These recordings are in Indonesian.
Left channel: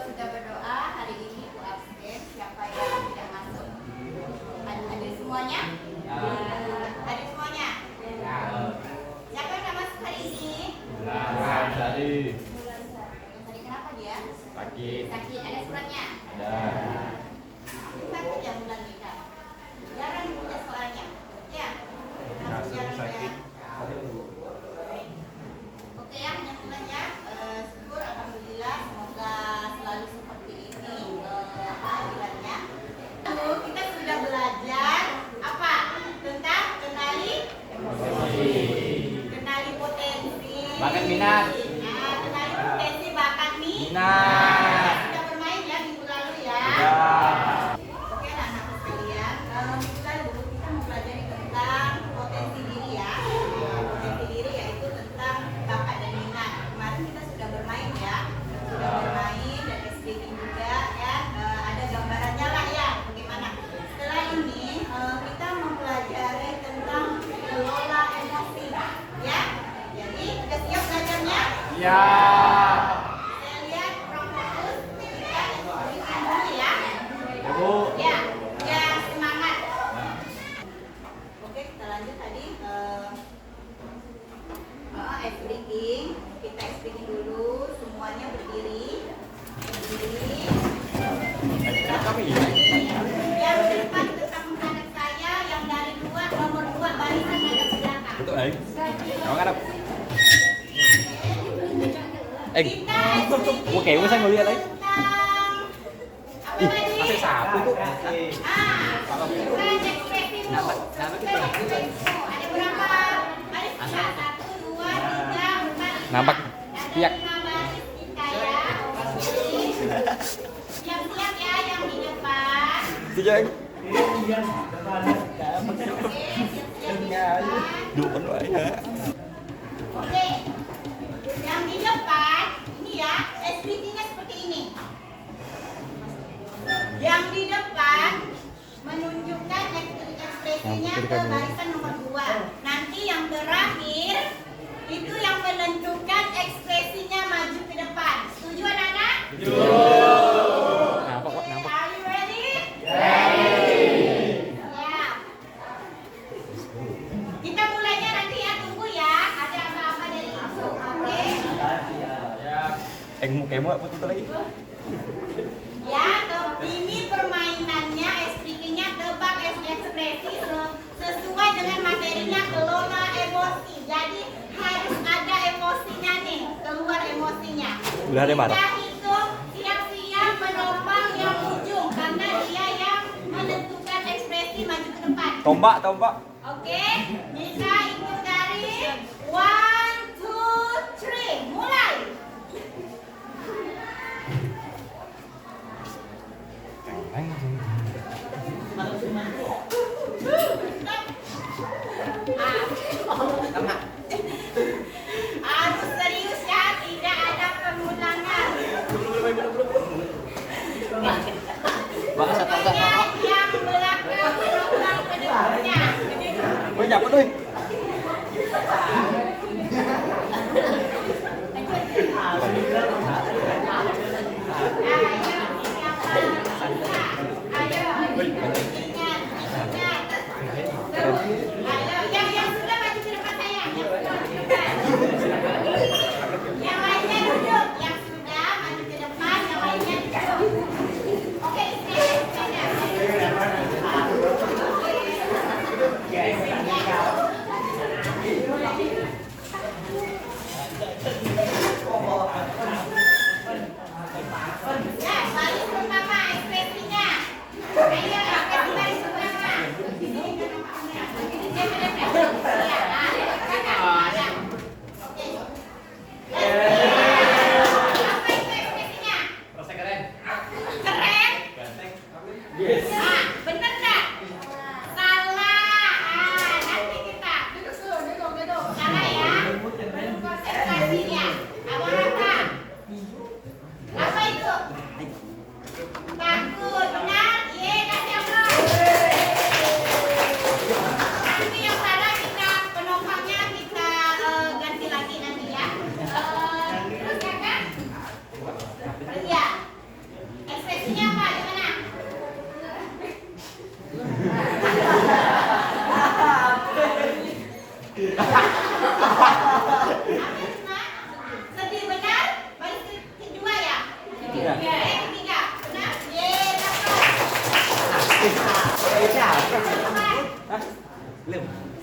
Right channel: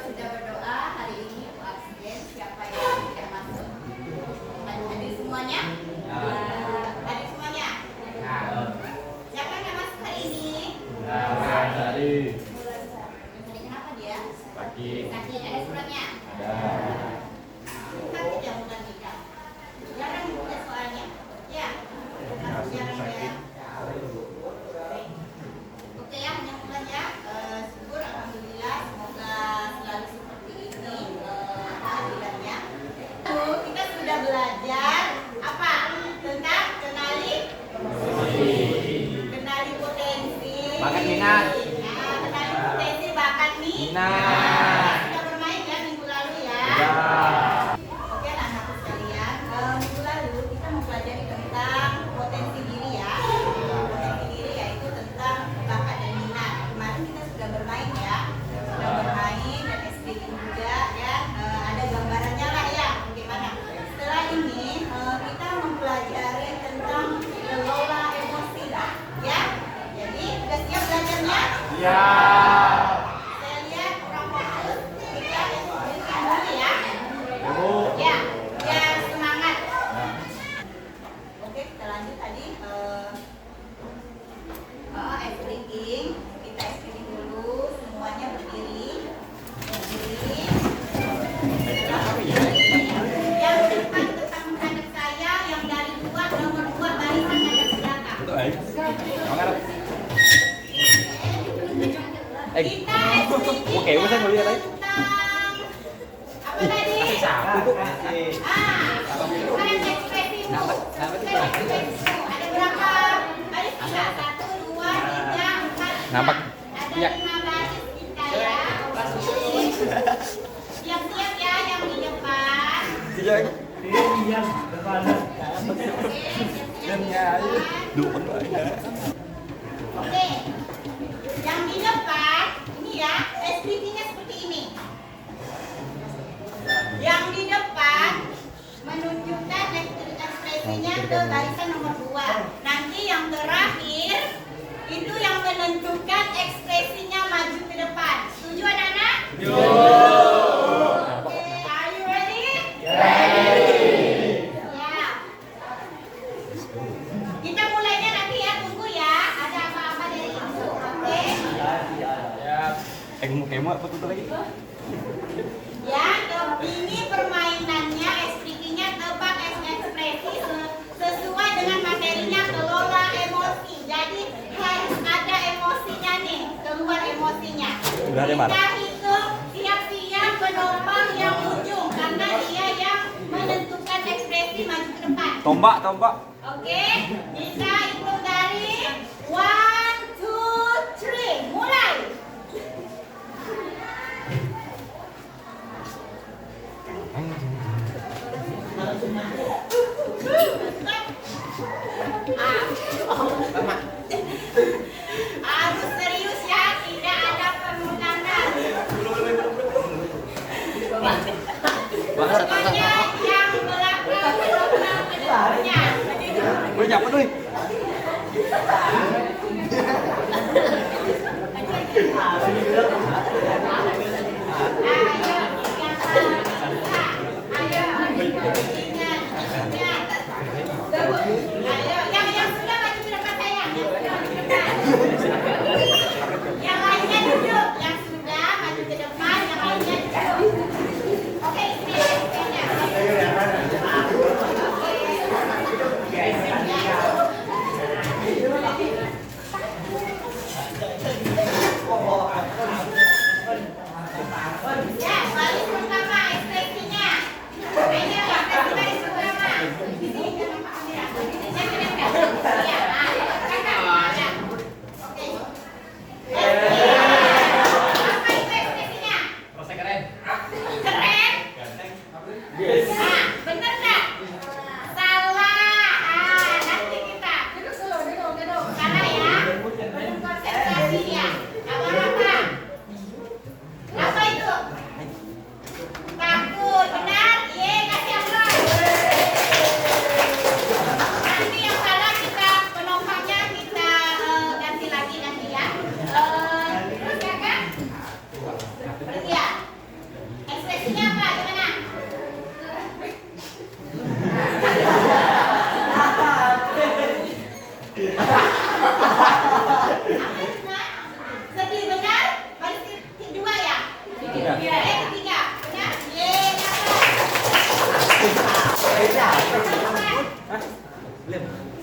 Sudah berdoa hari ini Bu absen. Siapa yang tidak masuk? Hadir semuanya? Hadir semuanya? Siapa yang tidak masuk hari ini? Hari kenapa dia? Sakit. Ada suratnya? Sakit ya bulan Mika? Jarang punya soalnya. Ya? Jarang ya? Oke ya, hanya bulan ya. Syukur alhamdulillah, semoga selalu seperti ini kehadirannya. Kita sudah belajar apa? Tentang kenali potensi. Bakat minat. Nah, kenali potensi bakat Minat. Sudah bermain ya minggu lalu ya. Oke anak-anak sekalian, minggu lalu kita mempelajari tentang potensi diri ya. Potensi diri yaitu tentang bakat dan minat. Kemarin kita sudah bermain ya, dan speaking juga ya. Ada gambarannya lah ya, bagaimana. Setelah ini kita mempelajari tentang kelola emosi ya. Jadi sudah siap belajarnya? Ya. Saya lihat kurang fokus, kita speaking dulu ya. Bu. Ya, biar semangat. Oke, kita lanjut tadi speaking. Kita speaking dulu, semuanya berdiri. Yang depan tetap menghadap saya, yang dari nomor 2 barisan hadap belakang. Kita speaking Oke, saya mau lihat tentang apa tadi? Satu. Bukan ekspresimu. Sebutkan ekspresimu. Ada berapa baris kita? 1, 2, 3, 4, 5. Nampak. Ada 5 baris kita ya. Siap-siap ya yang di depan. Oke, siap-siap di depan. Oke. Yang di depan ini ya, SPT-nya seperti ini. Yang di depan menunjukkan ekspresinya ke barisan nomor 2. Nanti yang terakhir itu yang menentukan ekspresinya maju ke depan. Setuju anak-anak? Oke, are you ready? Ya. Kita mulainya nanti ya, tunggu ya. Ada apa-apa dari ibu, oke? Kemo apa tuh lagi? Ya, ini permainannya, SPT-nya tebak ekspresi sesuai dengan materinya kelola emosi. Jadi harus ada emosinya nih, keluar emosinya. Udah ada, Pak? Kita hitung siap-siap menopang yang ujung karena dia yang menentukan ekspresi maju ke depan. Tombak. Oke, bisa hitung dari 1, 2, 3, mulai. Harus serius ya, tidak ada pengulangan. Bahasa Pokoknya yang belakang menopang ke depannya. Gue nyapa tuh.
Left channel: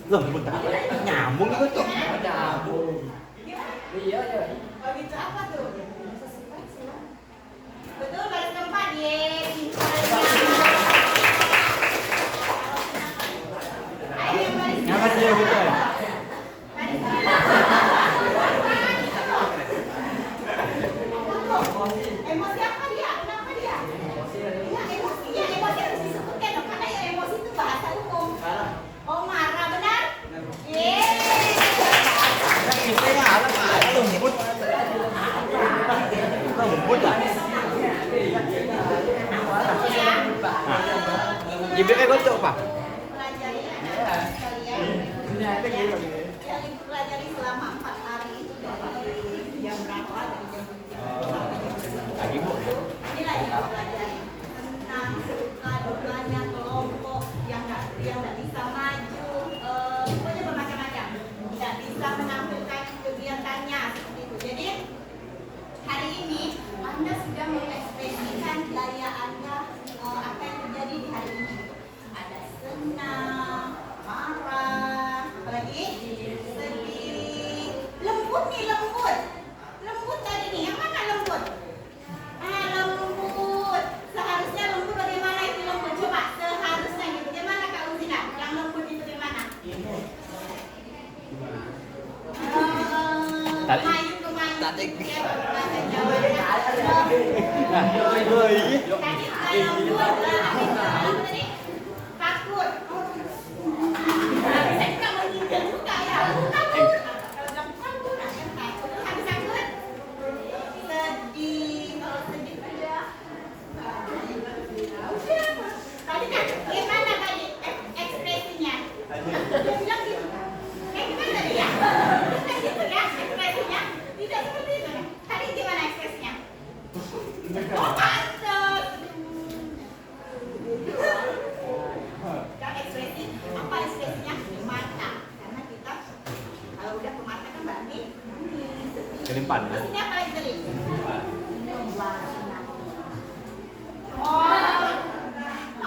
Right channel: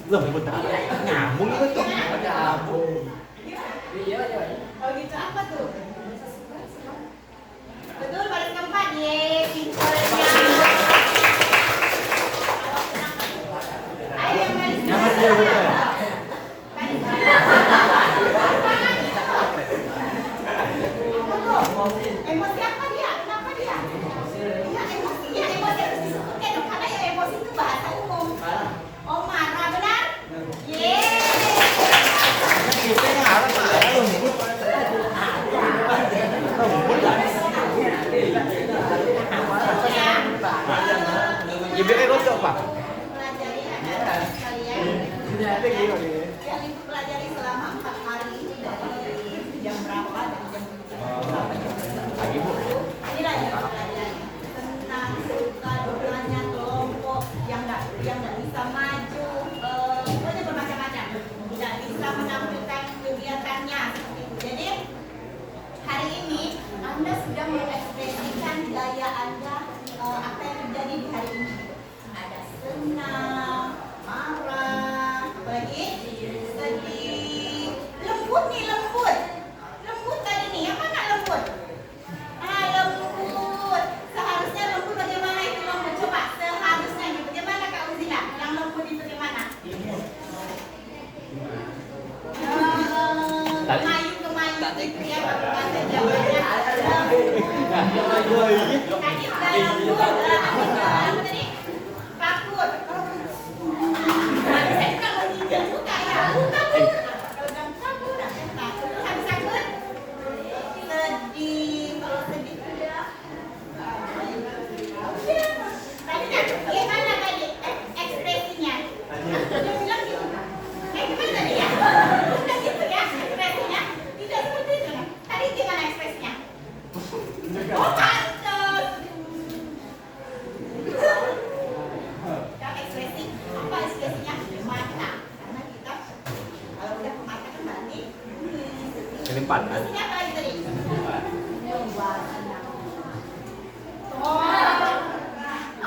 Loh, bentar. Nyambung itu tuh. Iya, iya. Oh gitu, apa tuh? Betul, baris keempat. Yeay, pintarnya. Ayo yang baris Nyamar dia bukan. baris emosi apa dia? Kenapa dia? Ya, emosinya, emosi harus disebutkan dong, karena ya emosi itu bahasa umum. Oh, marah, benar? Yeay. Kita ngalah Pak. Lembut. Lembut lah. Ibu lucu Pak. Pelajari anak sekalian yang ibu pelajari selama 4 hari itu dari jam berapa, dari jam 7 sampai jam 10. Inilah yang ibu pelajari tentang suka dukanya kelompok yang nggak bisa maju, pokoknya bermacam-macam, tidak bisa menampilkan kegiatannya seperti itu. Jadi hari ini Anda sudah mengekspresikan gaya Anda, apa yang terjadi di hari ini. Ada senang, marah, apalagi sedih, lembut nih, lembut tadi nih, yang mana lembut? Lembut. Seharusnya lembut bagaimana itu lembut? Coba seharusnya nih, bagaimana Kak Uzina? Yang lembut itu bagaimana? Kemayu gitu ya, bahasa Jawanya. Tadi udah lembut, apa tadi? Takut. Nah, bisa juga menghindar juga ya. Takut. Kalau bilang takut, takut. Habis takut? Sedih. Kalau sedih udah. Tadi kan gimana tadi ekspresinya? Dia bilang gitu. Gimana tadi ya? Bukan gitu ya ekspresinya? Tidak seperti itu. Tadi gimana ekspresinya? Oh, pantas. Yang ekspresi, apa ekspresinya? Mata. Karena kita kalau udah ke mata kan berarti Kelimpan. terus ini apa lagi tadi? Kan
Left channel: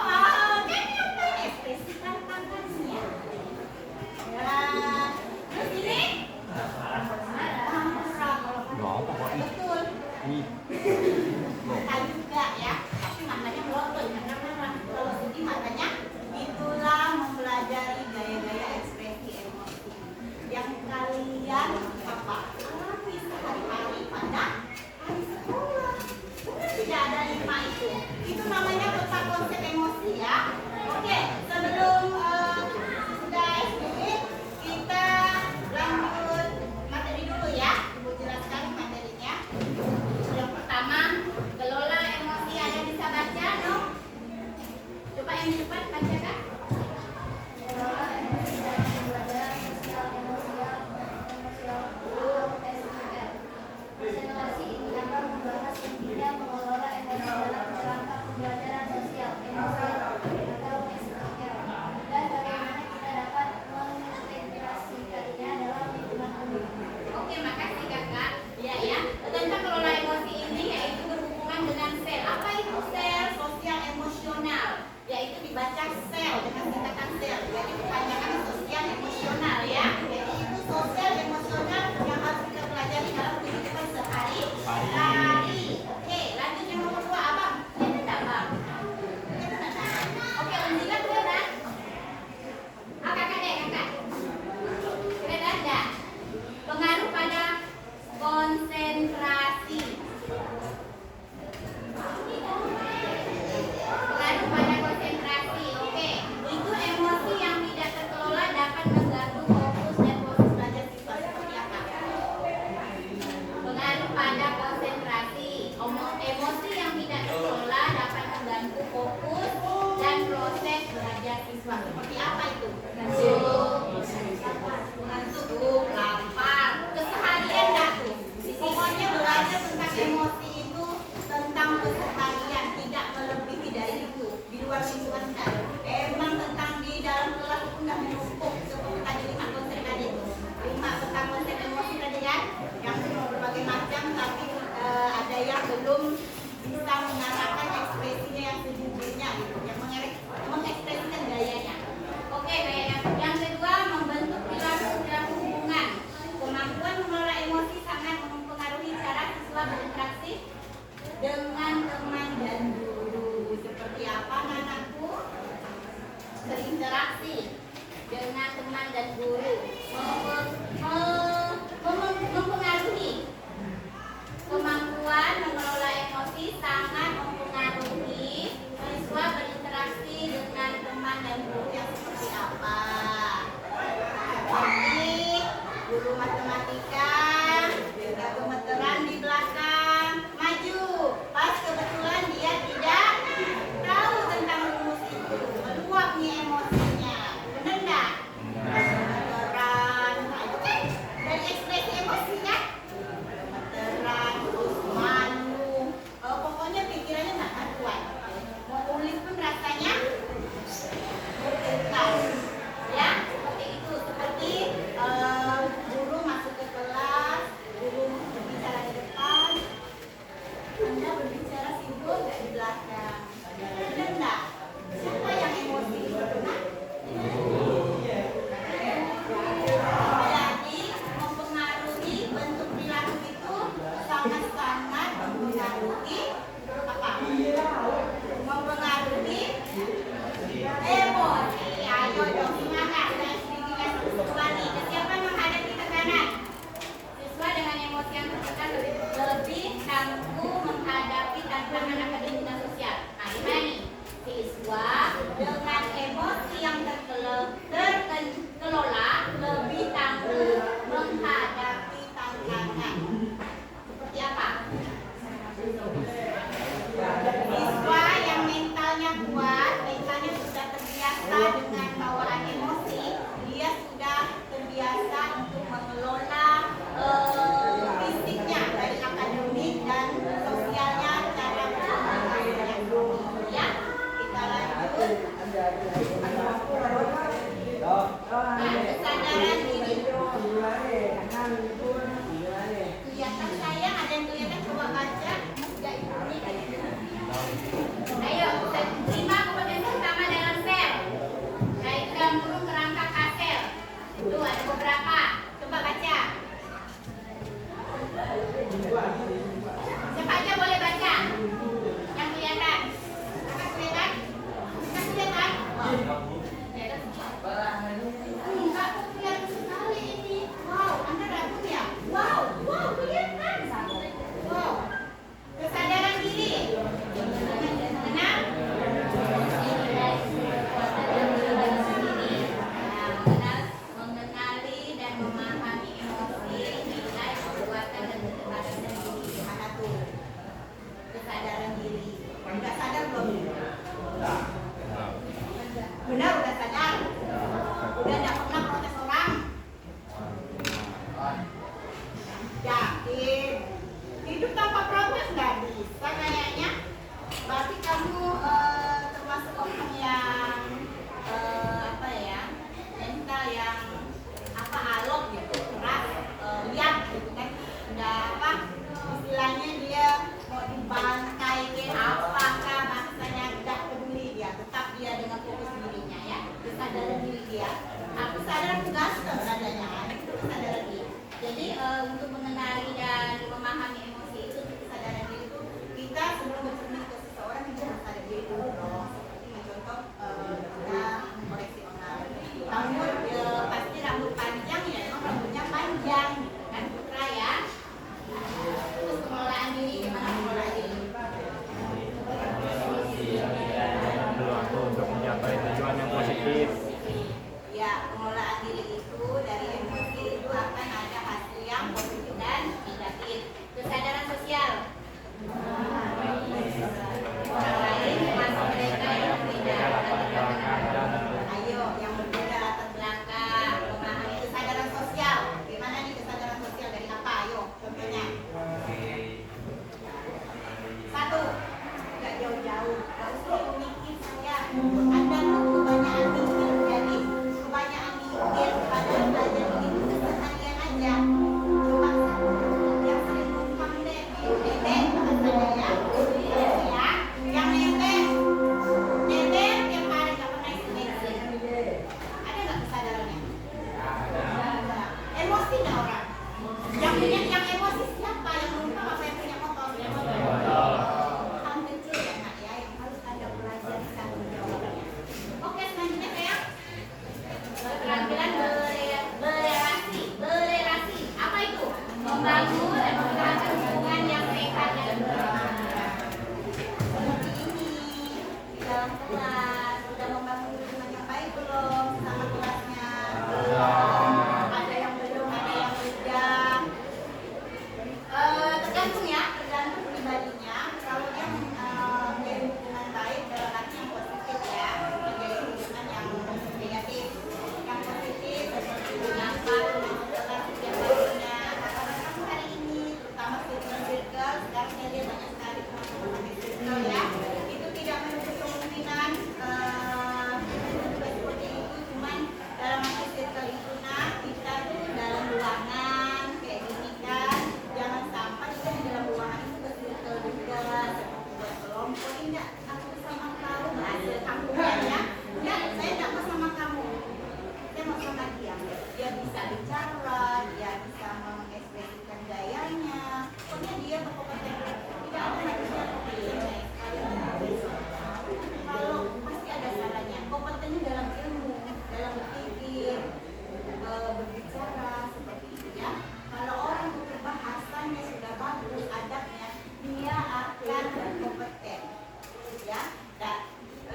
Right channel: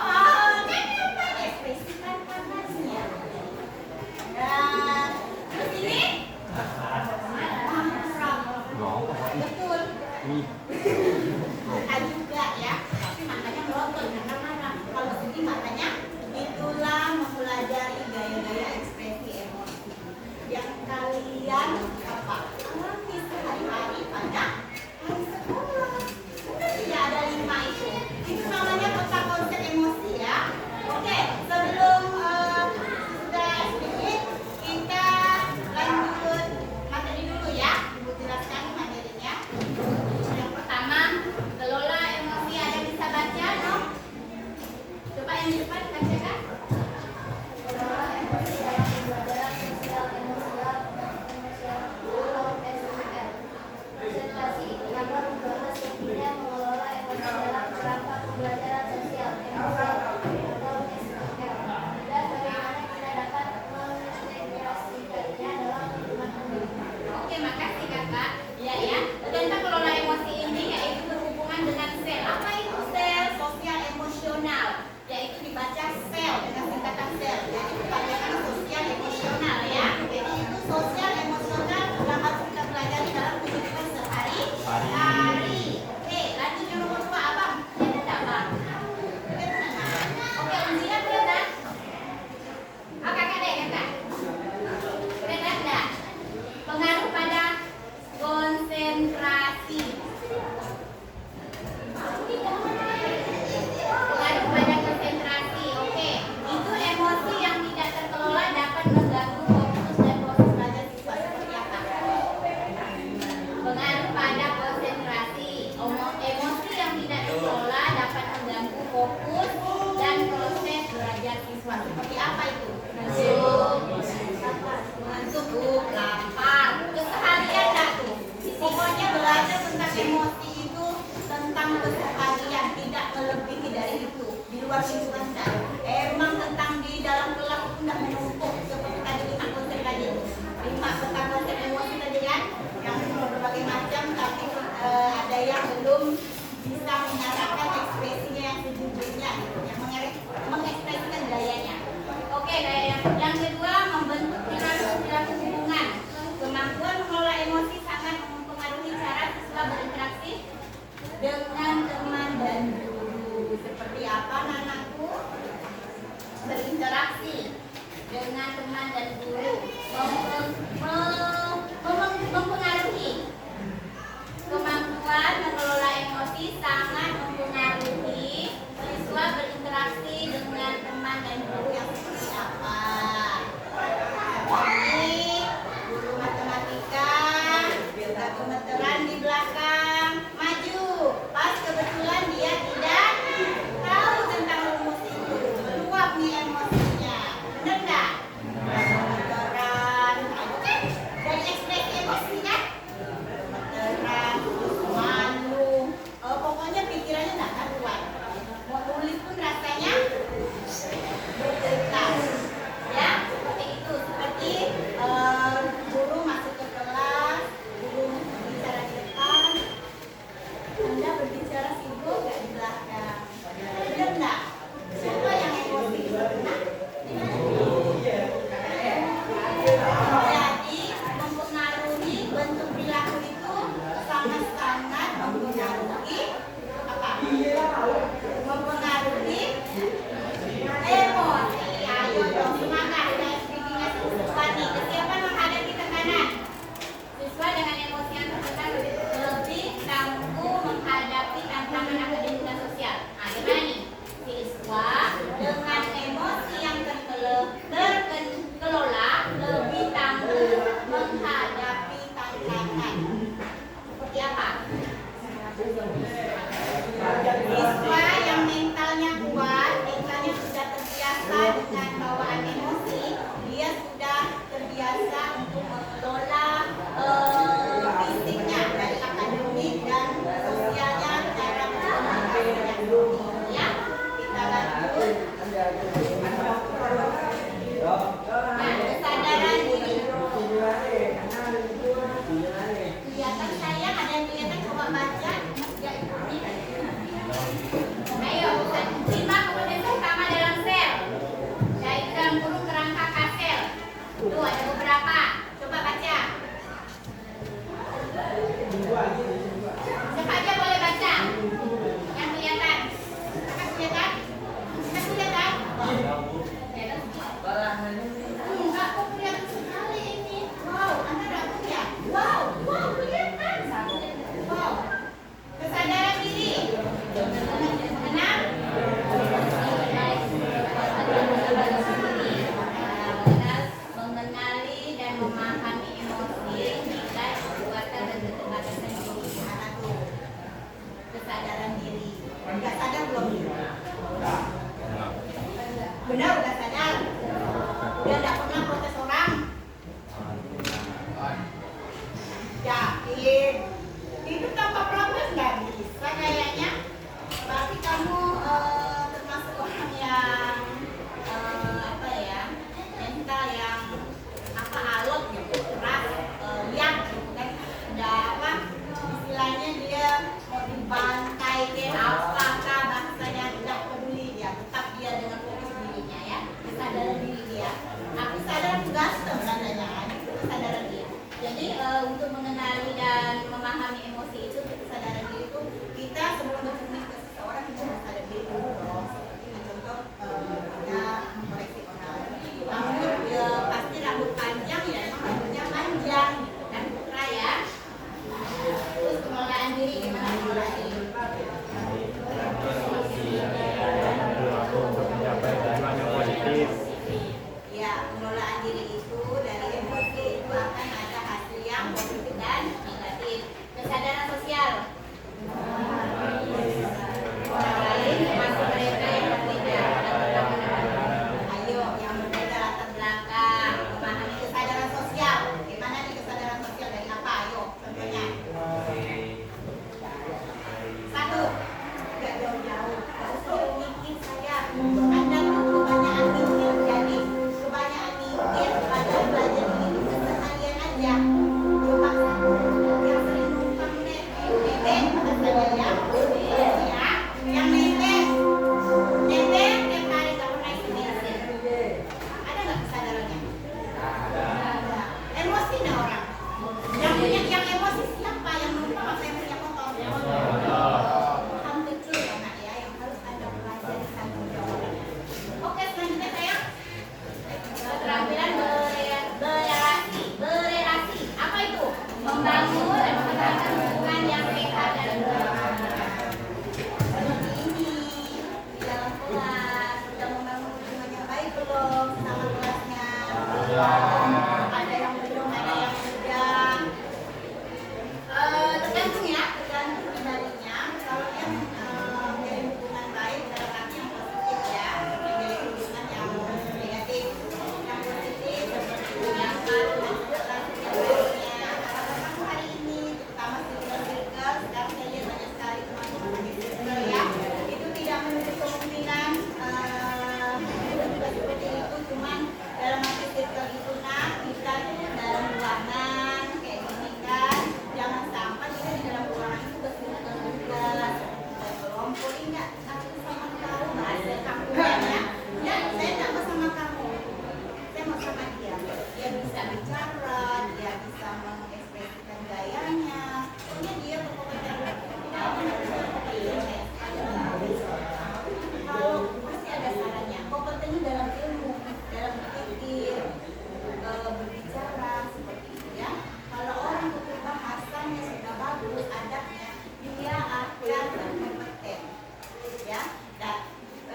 apa ekspresikan panasnya? Terus ini? Betul. Mata juga ya, tapi matanya melotot karena marah. Kalau sedih matanya, itulah mempelajari gaya-gaya ekspresi emosi yang kalian apa alami sehari-hari pada hari sekolah. Bukan tidak ada 5 itu. Itu namanya peta konsep emosi ya. Oke, sebelum sudah sedikit kita lanjut materi dulu ya. Ibu jelaskan materinya. Yang pertama, kelola emosi. Ada bisa baca, no? Coba yang di depan bacakan. Kelola emosi dalam dua dalam sosial, emosial, emosional atau SEL. Presentasi ini akan membahas pentingnya mengelola emosi dalam kerangka pembelajaran sosial, emosial atau SEL, dan bagaimana kita dapat mengintegrasikannya dalam lingkungan umum. Oke, makasih kakak. Ya. Tentang kelola emosi ini yaitu berhubungan dengan sel. Apa itu sel sosial emosional? Yaitu dibaca sel dengan singkatan sel. Jadi kepanjangan sosial emosional ya. Jadi itu sosial emosional yang harus kita pelajari dalam kehidupan sehari-hari. Oke, lanjut yang nomor 2, abang. Ini udah bang. Oke, Unzila kelihatan? Kakak deh, kakak. Kelihatan enggak? Pengaruh pada konsentrasi. Pengaruh pada konsentrasi. Oke, itu emosi yang tidak terkelola dapat mengganggu fokus dan proses belajar siswa. Seperti apa? Pengaruh pada konsentrasi. Emosi yang tidak terkelola dapat mengganggu fokus dan proses belajar siswa. Seperti apa itu? Ngantuk, lapar, keseharian enggak tuh? Pokoknya belajar tentang emosi itu tentang keseharian, tidak melebihi dari itu. Di luar lingkungan enggak. Emang tentang di dalam kelas itu enggak menumpuk seperti tadi 5 konsep tadi. 5 tentang konsep emosi tadi kan, yang berbagai macam, tapi ada yang belum bisa menyatakan ekspresinya yang sejujurnya gitu, yang mengekspresikan gayanya. Oke, gayanya. Yang kedua, memberi dan guru. Seperti apa anakku? Berinteraksi dengan teman dan guru, mempengaruhi kemampuan mengelola emosi, sangat mempengaruhi siswa berinteraksi dengan teman dan guru yang seperti apa. Seperti guru matematika, gemeteran di belakang, maju. Pas kebetulan dia tidak tahu tentang rumus itu, meluap nih emosinya. Bener nggak? Gemeteran, itu kan dari ekspresi emosinya. Gemeteran, malu, pokoknya pikirannya nggak karuan. Mau tulis pun rasanya bergetar. Ya, seperti itu. Seperti guru masuk ke kelas, guru bicara di depan, Anda berbicara sibuk nggak di belakang. Benar nggak? Siapa yang emosi? Nah, jadi mempengaruhi bentuk perilaku itu sangat-sangat mempengaruhi apa? Mempengaruhi emosi. Ayo dong semangat. Nah, giginya siswa nih. Kesiapan menghadapi tekanan. Siswa dengan emosi yang tertekan lebih tangguh menghadapi tantangan akademik dan sosial. Nah, gimana nih? Siswa dengan emosi yang terkelola lebih tangguh menghadapi tantangan. Seperti apa? Siswa yang mentalnya kuat, mentalnya sudah terbiasa dengan bawaan emosi, dia sudah terbiasa untuk mengelola fisiknya dari akademik dan sosialnya cara berkomunikasinya. Ya, kita lanjut. Nah, kesadaran diri. Kelihatan sayang, ada yang kelihatan, coba baca. Ya, ini. Ayo, kita simak kompetensi utama dalam sel. Diagram burung kerangka kasel. Tuh, ada beberapa. Coba baca. Siapa aja boleh baca? Yang kelihatan. Kakak kelihatan? Kakak kelihatan? Enggak, kok kelihatan sekali ini. Wow, Anda ragu ya? Wow, kelihatan. Wow. Kesadaran diri. Mengenal? Mengenali dan memahami emosi, nilai, kekuatan dan keterbatasan diri. Apa tuh? Kesadaran diri. Udah sadar belum? Benar, udah sadar. Udah nggak pernah protes orang. Yakin? Hidup tanpa protes nggak bisa kayaknya. Berarti kamu termasuk orang yang apa ya? Mental yang apa alot gitu, keras, lihat gitu kan. Udah apa? Istilahnya dia mau dibantai ke apakah bahasanya tidak peduli dia, tetap dia dengan fokus dirinya ya. nggak aku sama kamu bahasa kampungnya ya saya nggak mau sama kamu, saya mau sama dia. Dia bisa bicara, dia bisa mengekspresikan gayanya, pokoknya dia berkompeten. Tidak apa manusia kompeten. Kalau pasti ada salahnya. Kompeten dalam ilmu, dalam berpikir, berbicara seperti itu ya. Kalau orang itu bahasanya sudah bagus, adabnya, dia akan berkompeten ya. Dan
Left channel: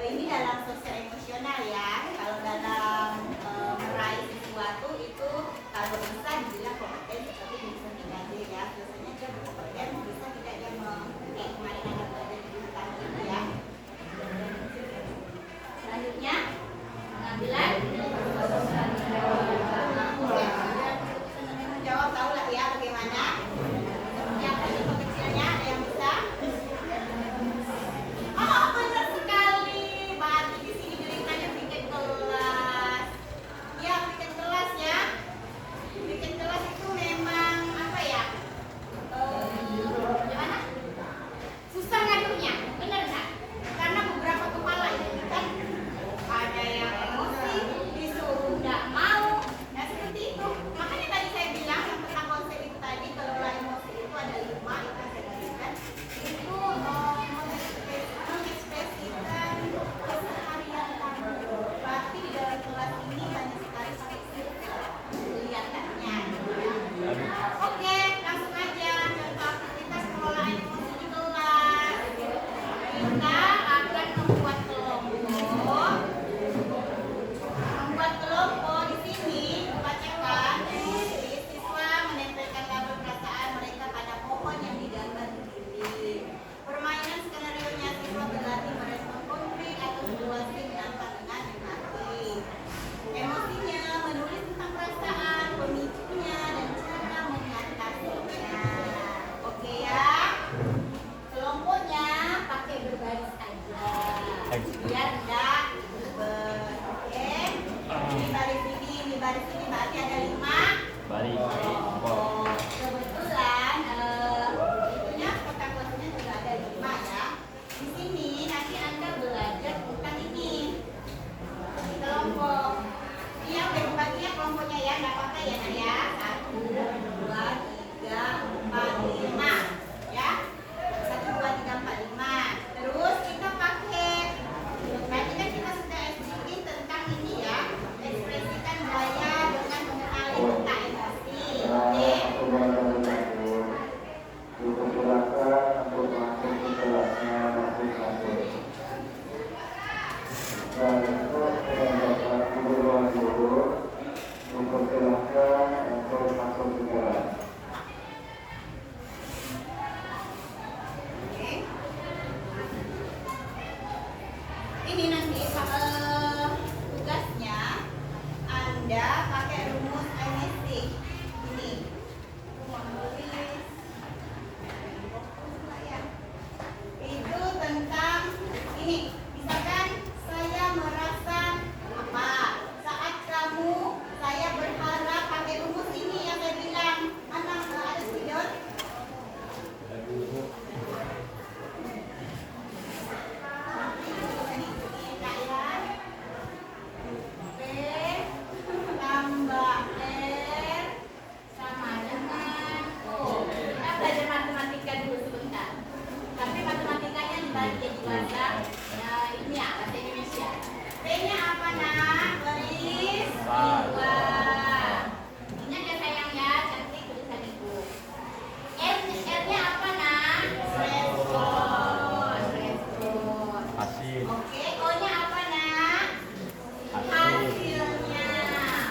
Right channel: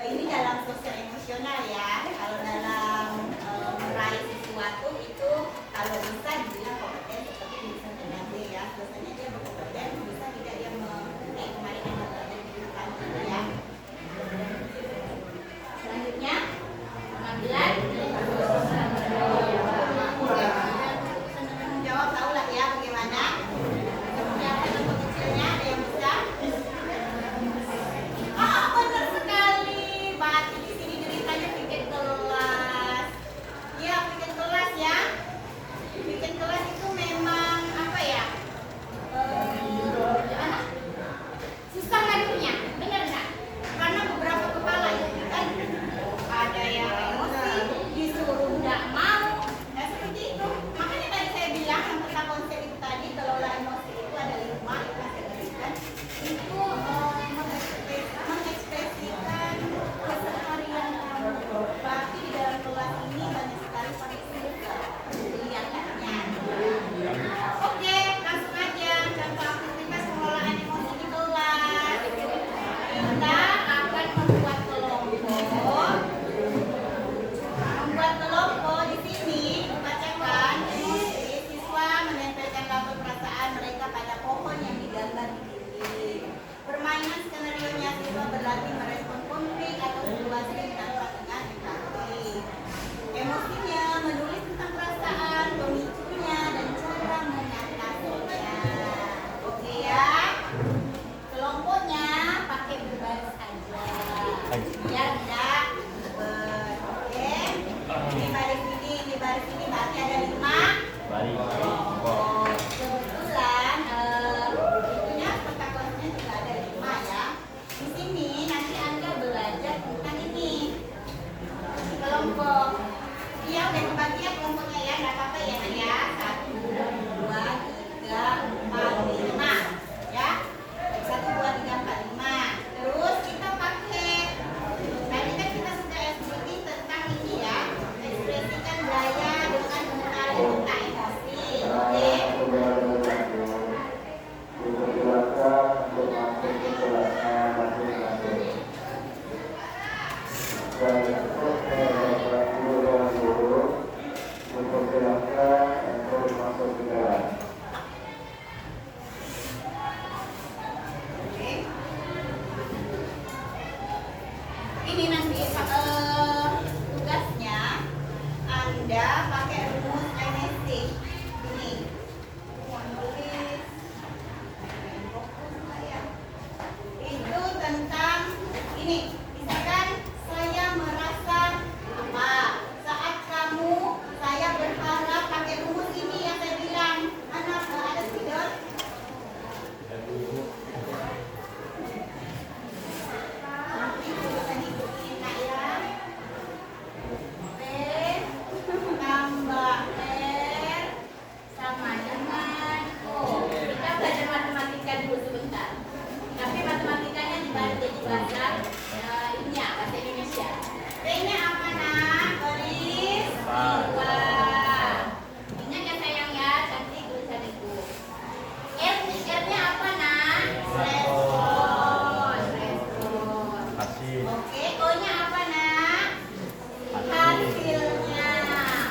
ini dalam sosial emosional ya. Kalau dalam meraih sesuatu itu kalau bisa dibilang kompeten seperti misalnya tadi ya, biasanya dia berkompeten, bisa tidak dia kemarin ada belajar di hutan gitu ya. Selanjutnya pengambilan jawab, tahu lah ya bagaimana. Seperti apa contoh kecilnya, ada yang bisa? Oh, benar sekali. Berarti di sini ceritanya bikin kelas. Ya, bikin kelas ya. Bikin kelas itu memang apa ya? Gimana? Susah ngadunya, benar nggak? Karena beberapa kepala itu kan ada yang emosi, disuruh nggak mau, nah seperti itu. Makanya tadi saya bilang yang tentang konsep itu tadi, kelola emosi itu ada 5 itu yang saya gariskan. Itu mengekspresikan keseharian kamu. Berarti di dalam kelas ini banyak sekali pakai circle. Lihat katanya. Oke, langsung aja contoh aktivitas pengelolaan emosi di kelas. Kita akan membuat kelompok. Membuat kelompok di sini membacakan emosi. Siswa menempelkan label perasaan mereka pada pohon yang digambar di dinding. Permainan skenario-nya siswa berlatih merespon konflik atau situasi ditangkap dengan empati. Emosinya menulis tentang perasaan, pemicunya, dan cara mengatasinya. Oke ya. Kelompoknya pakai berbaris aja. Biar enggak ribet. Oke. Ini baris ini berarti ada 5 kelompok. Kebetulan itunya peta kelasnya juga ada 5 ya. Di sini nanti Anda belajar tentang ini. Kelompok. Dia udah membagi ya kelompoknya ya, nggak apa-apa ya Nak ya. 1, 2, 3, 4, 5 ya. 1, 2, 3, 4, 5. Terus kita pakai tadi kan kita sudah explaining tentang ini ya, ekspresikan gaya dengan mengenali tentang emosi. Oke. Dipersilakan untuk masuk ke kelasnya masing-masing. Dan Bapak Guru dan Guru dipersilakan untuk masuk ke kelas. Oke. Ini nanti tugasnya Anda pakai rumus MSC. Ini mau nulis itu tentang ini. Misalkan saya merasa apa saat kamu, saya berharap pakai rumus ini yang saya bilang. Anak ada spidol? Tambah R sama dengan O. Kita belajar matematika dulu sebentar. Tapi matematikanya dibalik jadi bahasa ini ya, bahasa Indonesia. P-nya apa nak? Baris 2. Ingat ya sayang ya, cantik tulisan ibu. R-nya apa nak? Respon. Oke, O-nya apa nak? Hasilnya.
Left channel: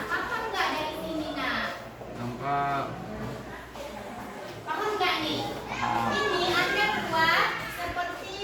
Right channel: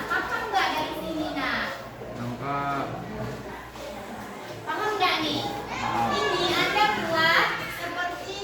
Paham nggak dari sini nak? Paham nggak nih? Ini Anda buat seperti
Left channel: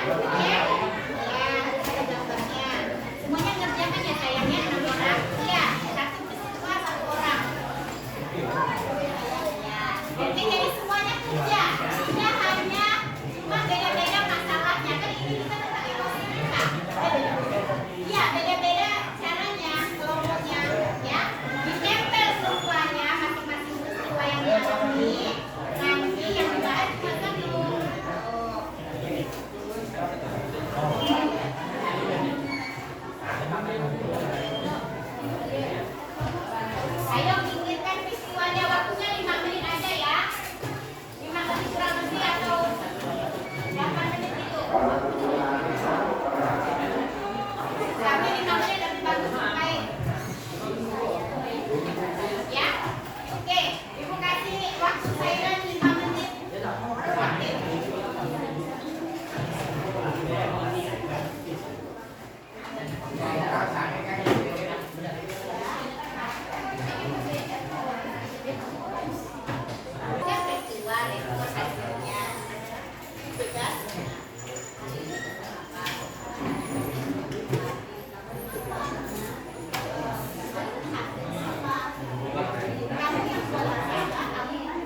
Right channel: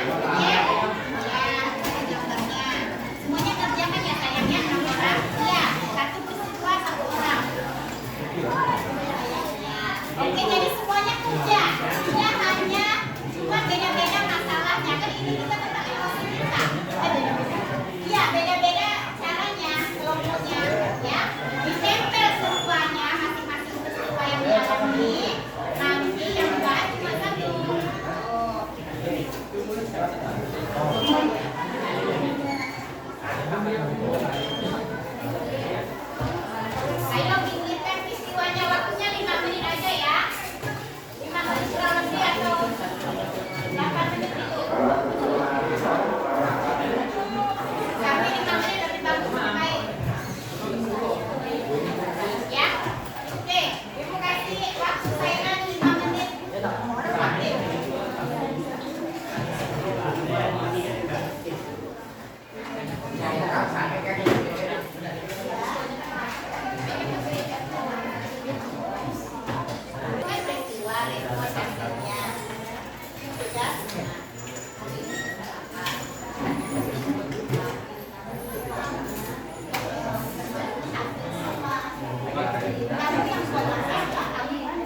Oke? Ya, ada gambarnya. Semuanya kerjakan ya sayangnya 6 orang. Iya, satu siswa 1 orang. Oke, jadi semuanya kerja. Dia hanya cuma beda-beda masalahnya. Kan ini juga tentang emosi kita. Iya, beda-beda caranya, kelompoknya. Ya, ditempel semuanya masing-masing peristiwa yang dialami. Nanti yang dibahas cuma 1. Ayo pikirkan peristiwanya, waktunya 5 menit aja ya. 5 menit kurang lebih atau 8 menit itu. Tapi 5 menit lebih bagus main. Ya, oke. Ibu kasih waktu saya 5 menit. Oke. Bukan peristiwa, repot hasilnya. Tugasnya. Kamu yang buat masalah, kamu yang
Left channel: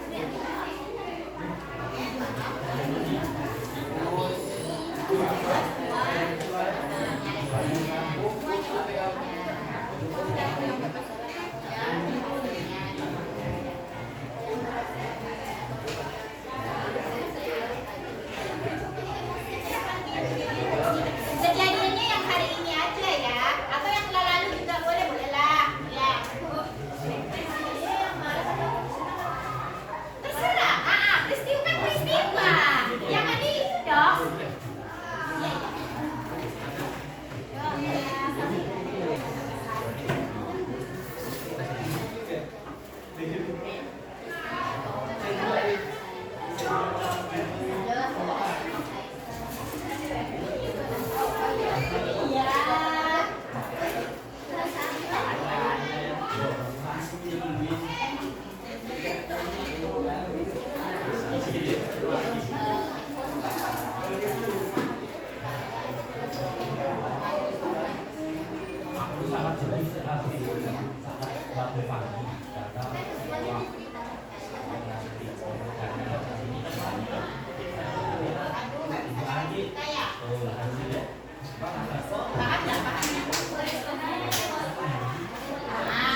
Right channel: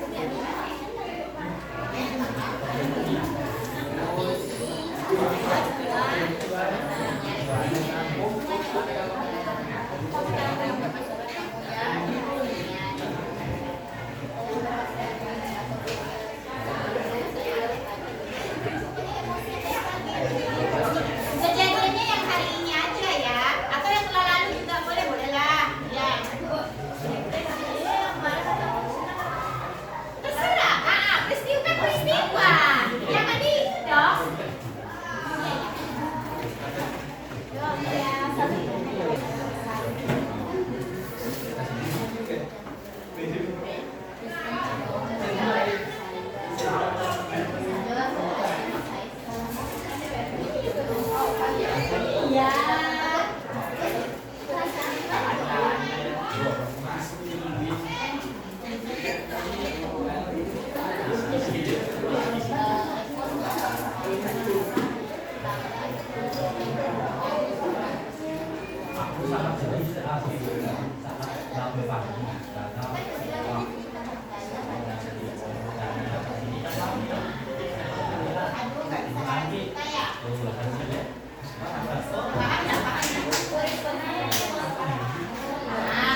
kejadiannya yang hari ini aja ya, atau yang lalu juga boleh lah. Ya. Terserah, peristiwa kan peristiwa. Jangan di itu dong.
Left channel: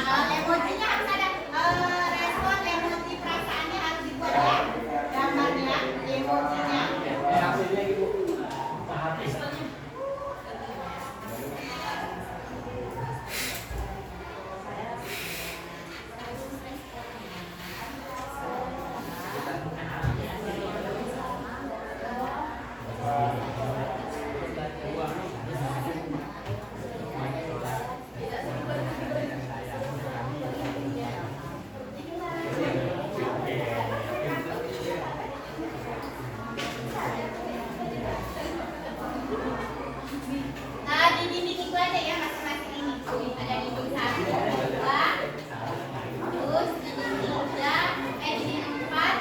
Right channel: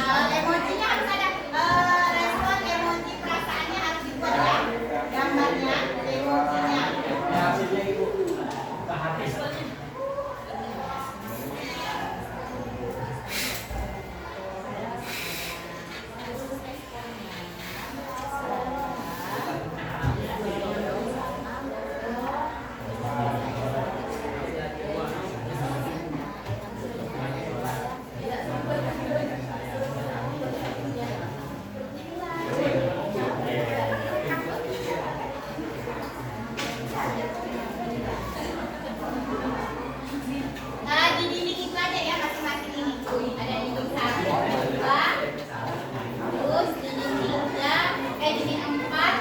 Kalau emosinya harus ada respon emosi perasaannya harus dibuat ya, gambarnya, emosinya. Nah, di dinding itu aja ya masing-masing ini. Ada dinding 1, 2, terus dinding 3, dinding 4.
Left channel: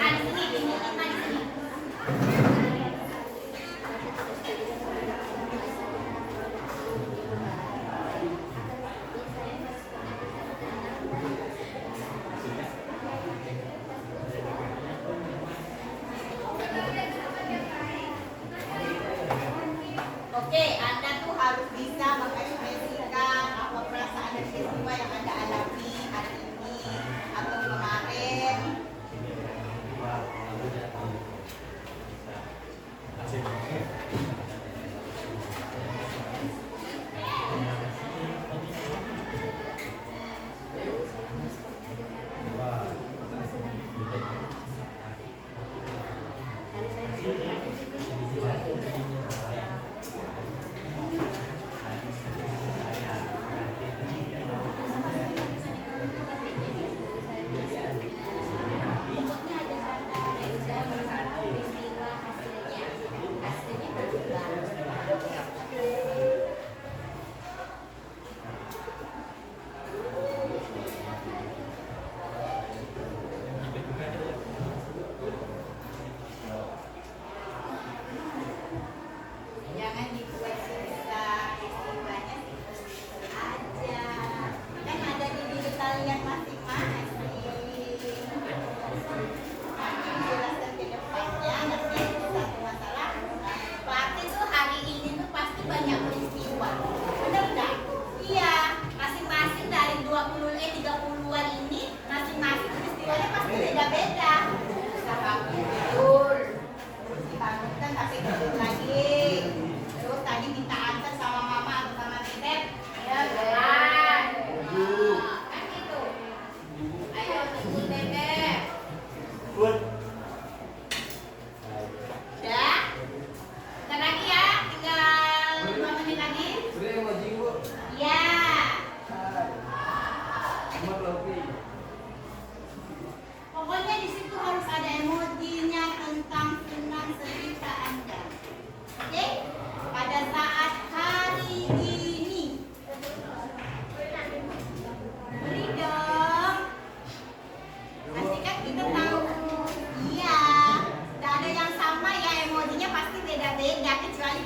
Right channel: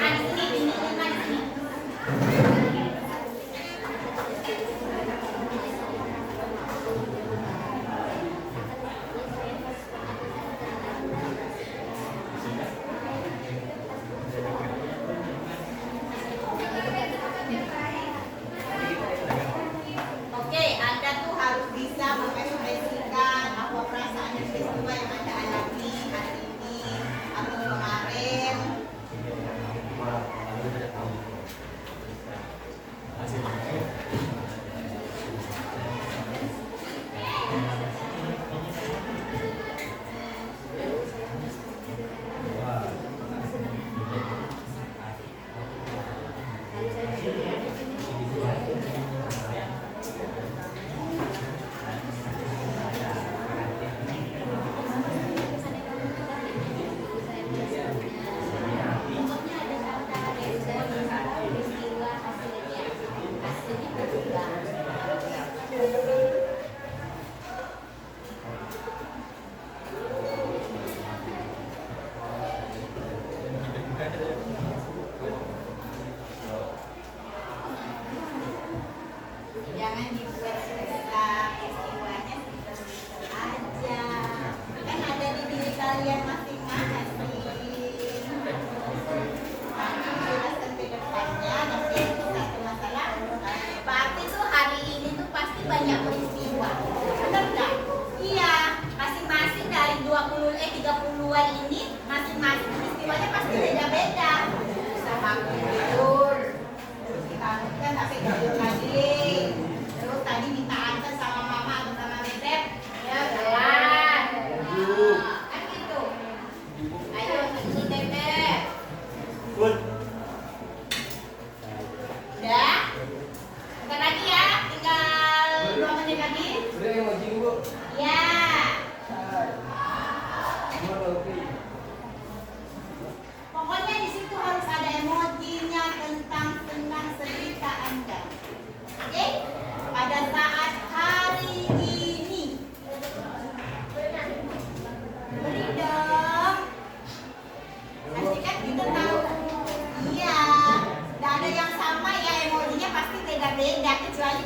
Di sini dinding 5 di sini. Oke, Anda tuh harus bisa mengekspresikan apa perasaan dan peristiwa yang Anda alami hari ini atau kemarin.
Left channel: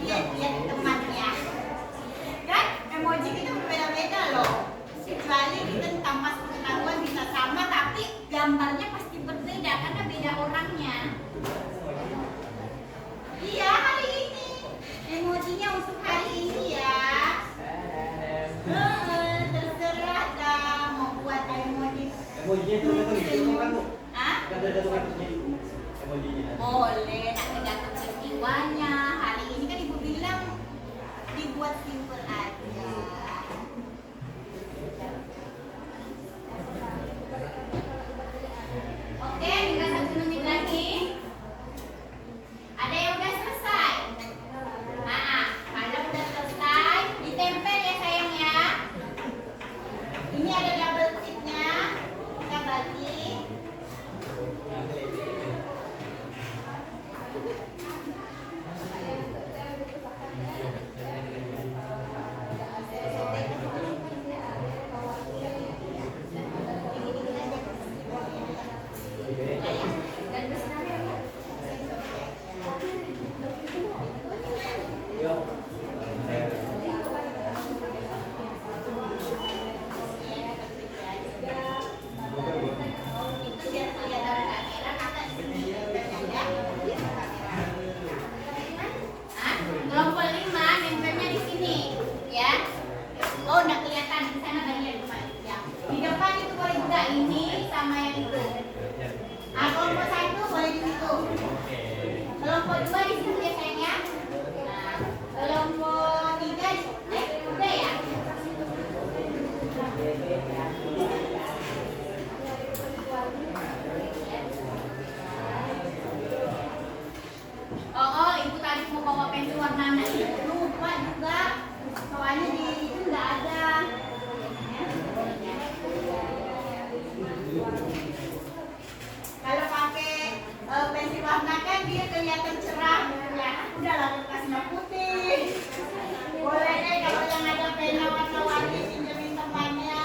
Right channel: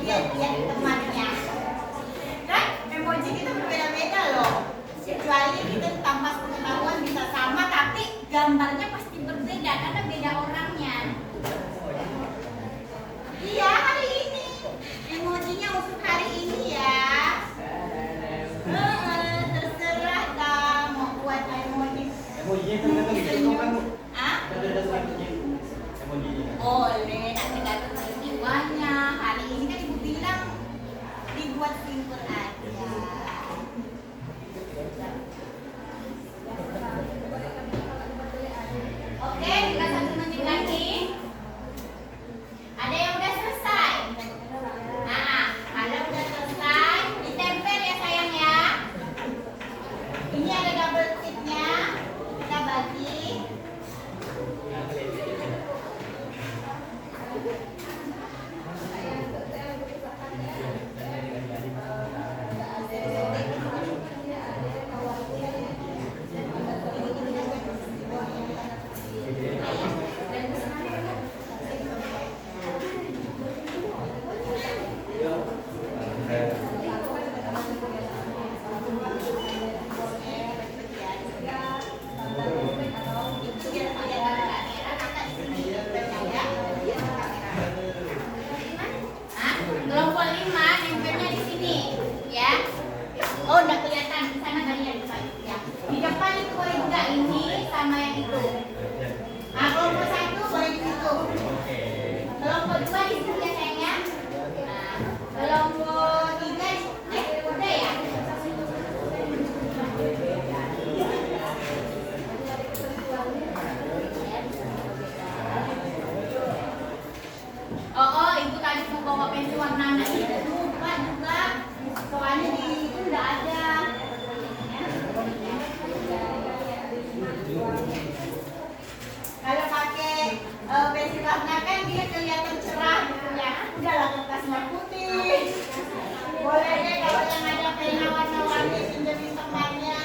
dia lihat temannya. Kan emoji kita berbeda-beda loh. Kecuali kita tanpa pengetahuan bisa sama, tapi gambarnya pasti berbeda karena beda orangnya. Iya, hari ini emojinya untuk hari ini ya. Terserah dah mau buat emoji. Emojinya itu memang gitu kan Bu? Ah? Ada selanjutnya emojinya. Boleh, nak tergantung peristiwanya. Hari ini kan ibu bilang dibuat simple aja. Oke, tinggal 1 menit lagi. Ada yang udah selesai? Nah, kalau udah selesai, ditempel ya sayang ya. Ini ada double ticknya. Kita bagi. Kelompok 5 nempelnya di sini, ya. Oh, udah kelihatan di sana bagian ya. Di depan itu boleh juga ini sama yang itu. Nah, kelompok 1 boleh di situ. Kelompok 2 di situ ya sayangnya. Nah, kelompok 3 udah ya. Oh, ibu tadi mau bawa pensil warna anak itu lupa juga. Soalnya di itu nggak ada. Kalau pakai pensil warna kan dia kelihatan cerah. Ya, udahlah kertas warna putih. Boleh deh kalau yang ada pena warna-warni pinjemin temannya.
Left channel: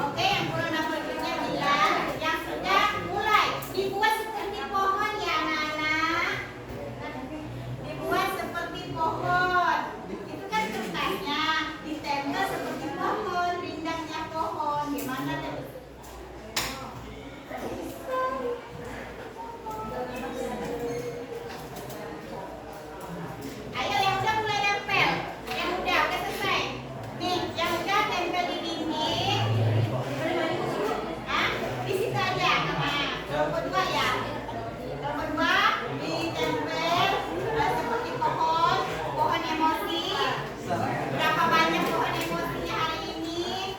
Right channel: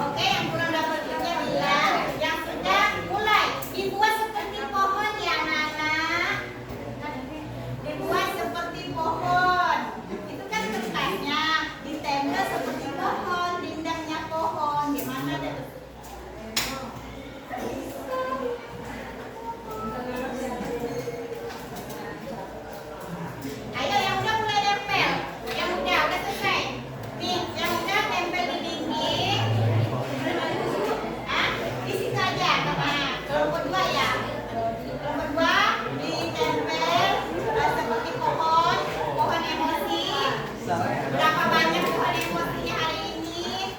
Oke, yang kurang dapat tiga bilang, yang sudah mulai dibuat seperti pohon ya anak-anak. Dibuat seperti pohon. Itu kan kertasnya ditempel seperti pohon, rindangnya pohon. Gimana deh? Ayo yang udah mulai tempel. Yang udah selesai. Nih, yang udah tempel di dinding. Di situ aja, kelompok 2 ya. Kelompok 2 ditempel seperti pohon emosi. Berapa banyak pohon emosinya hari ini?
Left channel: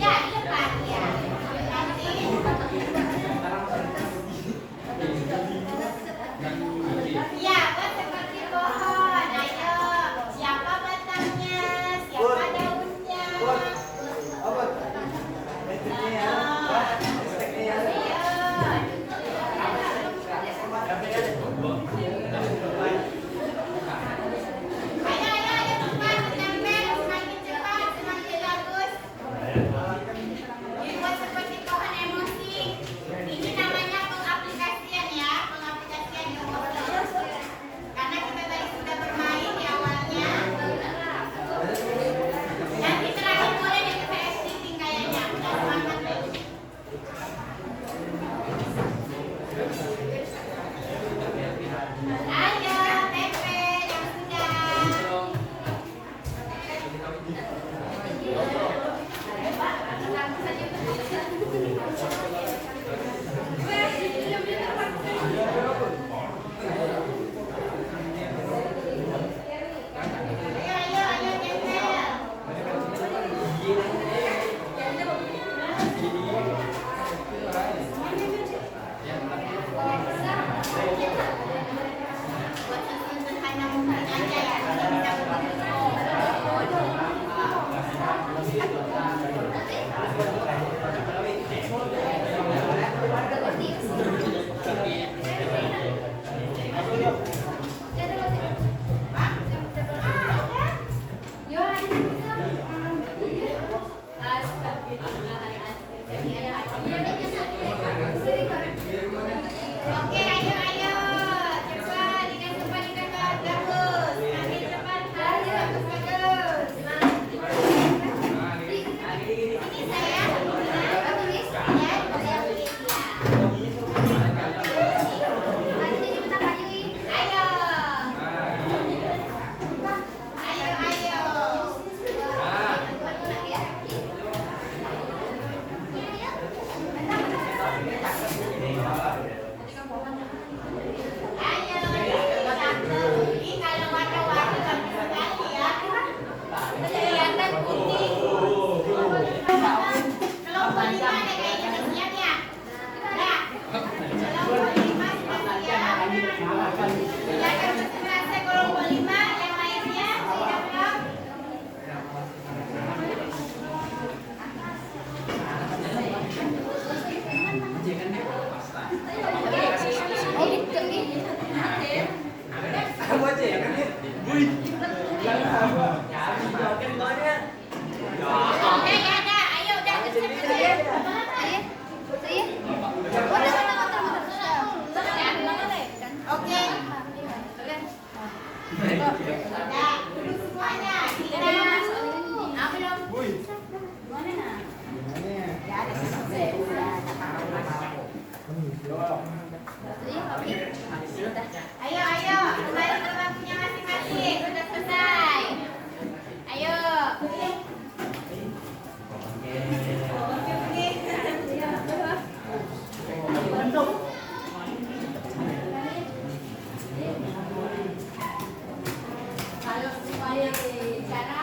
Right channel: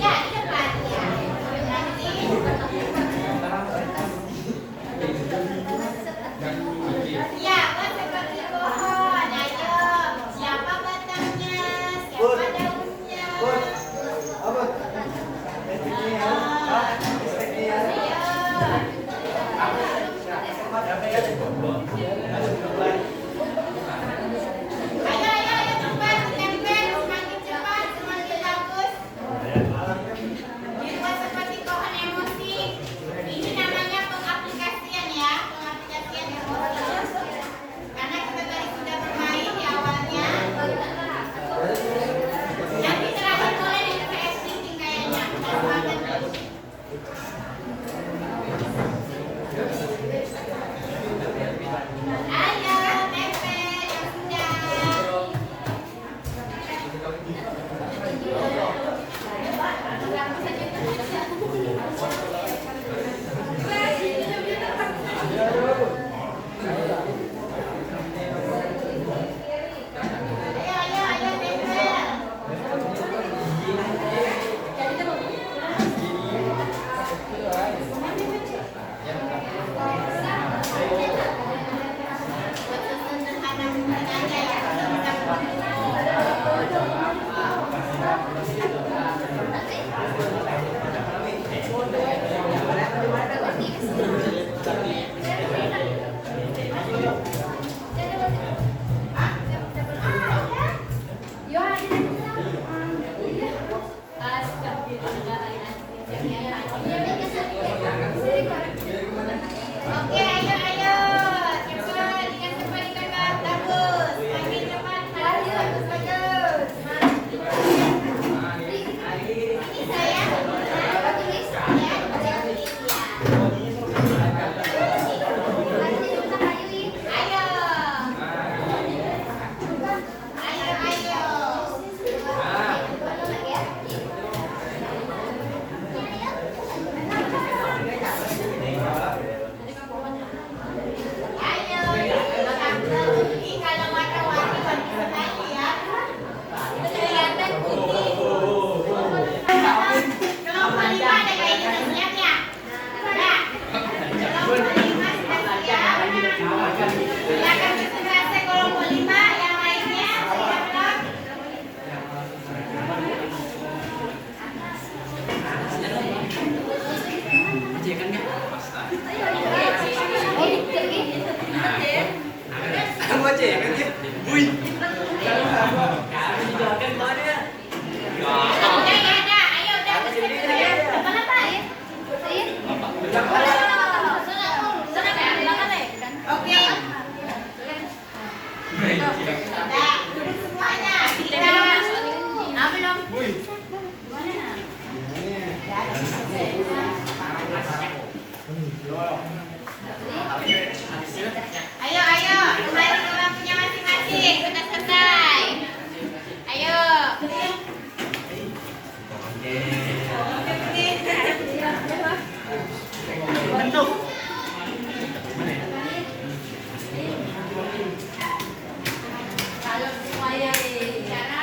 Ya, di depan ya. Nanti ya, buat seperti pohon. Ayo, siapa batangnya? Siapa daunnya? Apa? Pensilnya ya? Pensilnya ya? Ayo, cepat ditempel, semakin cepat, semakin bagus. Dibuat seperti pohon emosi. Ini namanya pengaplikasian ya, pengaplikasian emosi. Karena kita tadi sudah bermain di awalnya. Nanti terakhir boleh nih saya speaking kayaknya. Nah, semangat nih. Ayo, tempel yang sudah. Ayo, tempel. Buat sederhana mungkin aja ya, kalau bisa Yo, Oke, ayo, ayo. Cepat, ikan cepat, ikan bagus. Makin cepat, bagus, bagus. Ini saya. Ayo. Ayo, ayo. Ayo, ini kalau warna-warni bagus sekali ya. Kelihatan putih. Kelompok 5 ada kayaknya udah siap ya? Udah. Kelompok 5 sudah siap. Silakan bergerak kelompok 5 yang lainnya siap belum? Kamu aja ya kan dia. Wih. Ya, ya, ada. Ayo, udah bersiap. Oke. Udah, duduk semuanya. Kita Wih. Ayo, ayo, kembali ke waktunya masing-masing. Sudah selesai. Ayo. Bentuk.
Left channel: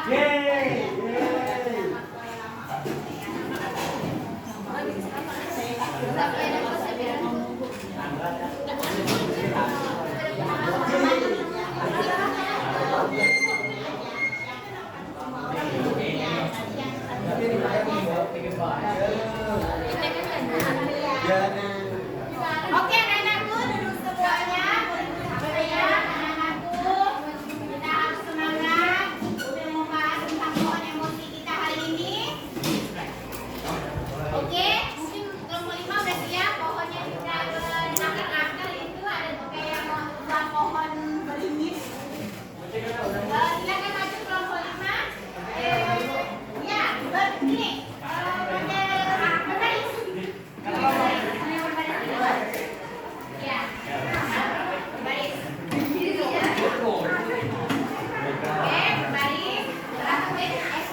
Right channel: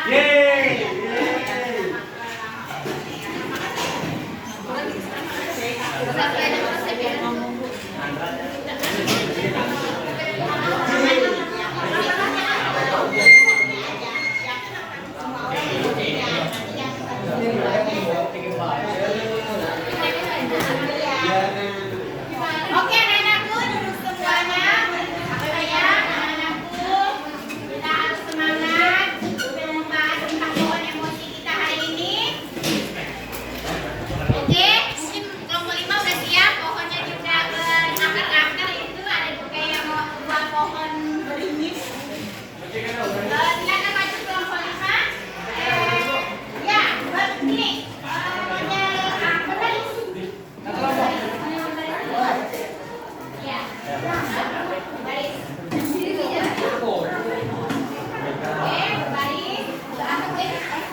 Yeay. Oke, anak-anakku duduk semuanya. Ya, anak-anakku. Kita harus semangat untuk membahas tentang pohon emosi kita hari ini. Oke, mungkin kelompok 5 udah siap. Pohonnya juga berakar-akar itu ada kayak buah pohon beringin. Silakan maju kelompok 5. Ya, ini. Berbaris. Ya, berbaris. Oke, berbaris.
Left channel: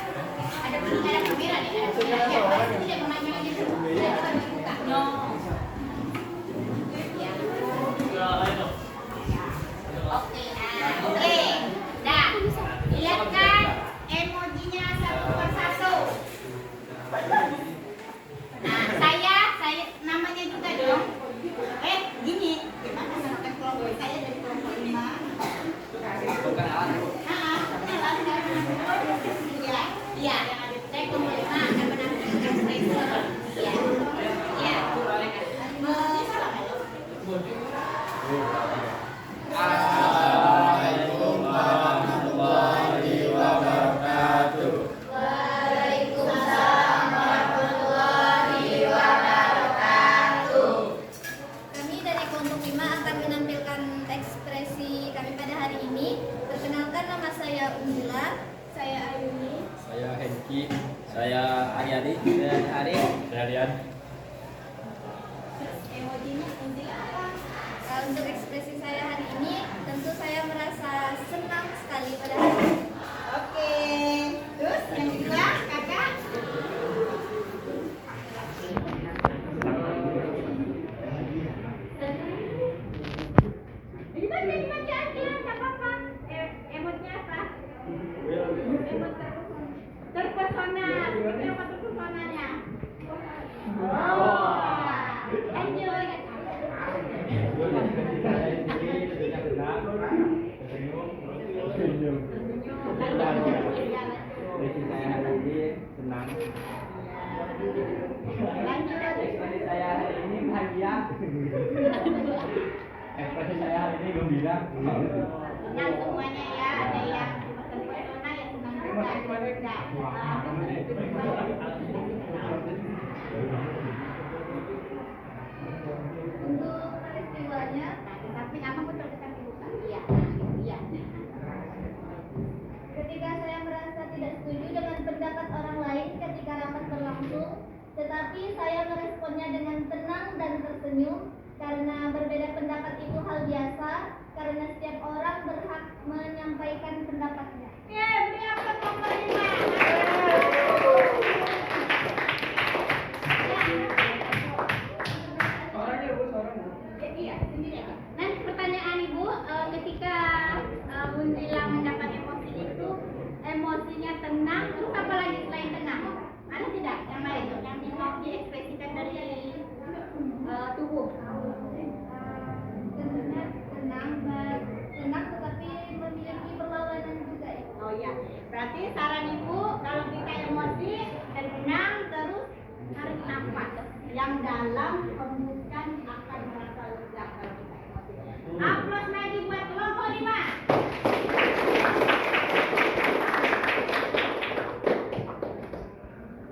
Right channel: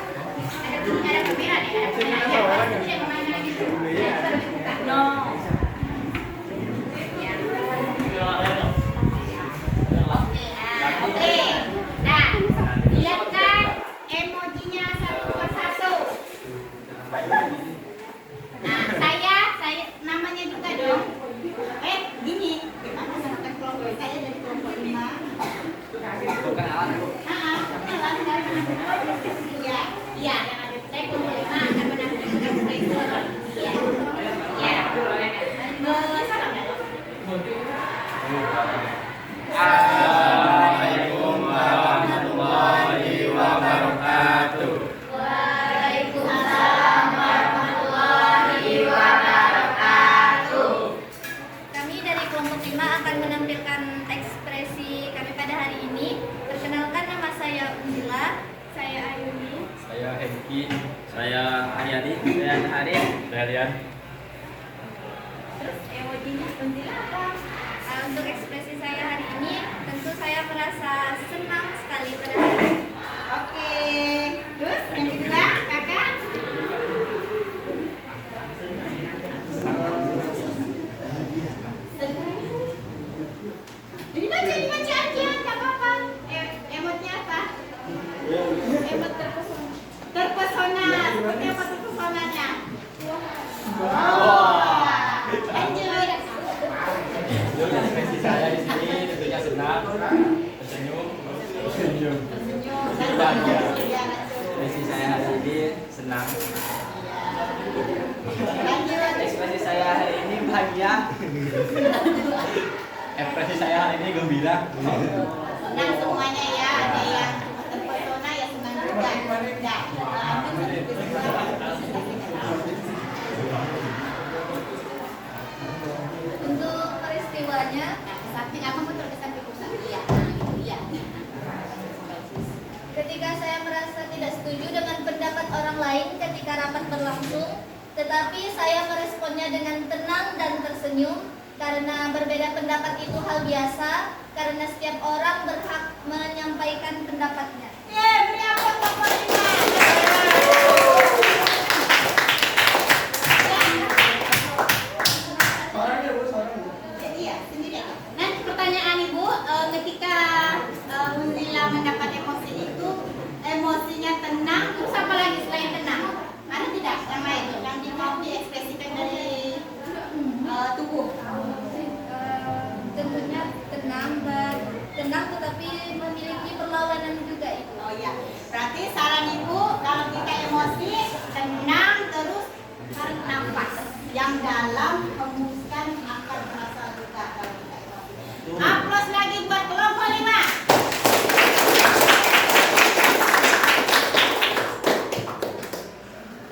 Ada bunyinya, ada kamera nih. Ada kamera. Tidak kemana lagi. No. Ya. Oke, oke. Nah, lihatkan emojinya satu persatu. Nah, saya namanya juga dong. Gini. Gimana menemukan kelompok saya dari kelompok 5? Ya, ya, yang ada saya kelompok 5 akan menemukan ekspresi. Ya, ya. Assalamualaikum warahmatullahi wabarakatuh. Kami dari kelompok 5 akan menampilkan ekspresi kami pada hari ini. Perkenalkan, nama saya Unila. Saya Ayuni. Saya Hengki. Saya Haryadi. Saya Hari. Saya Rian. Emojinya seperti apa? Untuk ekspresi saya hari ini, tentu saya merasa senang sekali pada hari ini. Oke. Terus yang kedua, kakak. Dibaca aja, nggak apa-apa. Emotnya apa? Emot terpesona. Terpesona. Seperti apa terpesonanya? Lanjut. Ekspresi saya di sini tentunya senang, tersenyum. Tersenyum. Ekspresi saya hari ini senang. Lanjut. Ekspresi saya hari ini bahagia. Ekspresi saya hari ini gembira. Senang semuanya ya. Ada yang terpesona ya senang juga. Ya. Lanjut. ketika rapat berlangsung, tetapi saya meresponnya dengan tenang dan tersenyum karena berbeda pendapat itu hal biasa, karena setiap orang berhak menyampaikan pendapatnya. Beri aplaus untuk Polima. Iya, sendiri. Nah, pertanyaan Ibu, ketika Muzila mendapat emosi itu, emosinya tenang, terus apa lagi selain tenang? Ada tidak yang lain yang mau diekspresikan dari tubuh? Tentunya tenang tetapi memiliki perlawanan juga itu. Oh iya, berarti saran Ibu kalau kita emosi tenang terus tarik nafas yang dalam, hembuskan akan merasa lega kalau kita emosi. Aplaus lagi buat kelompok 5.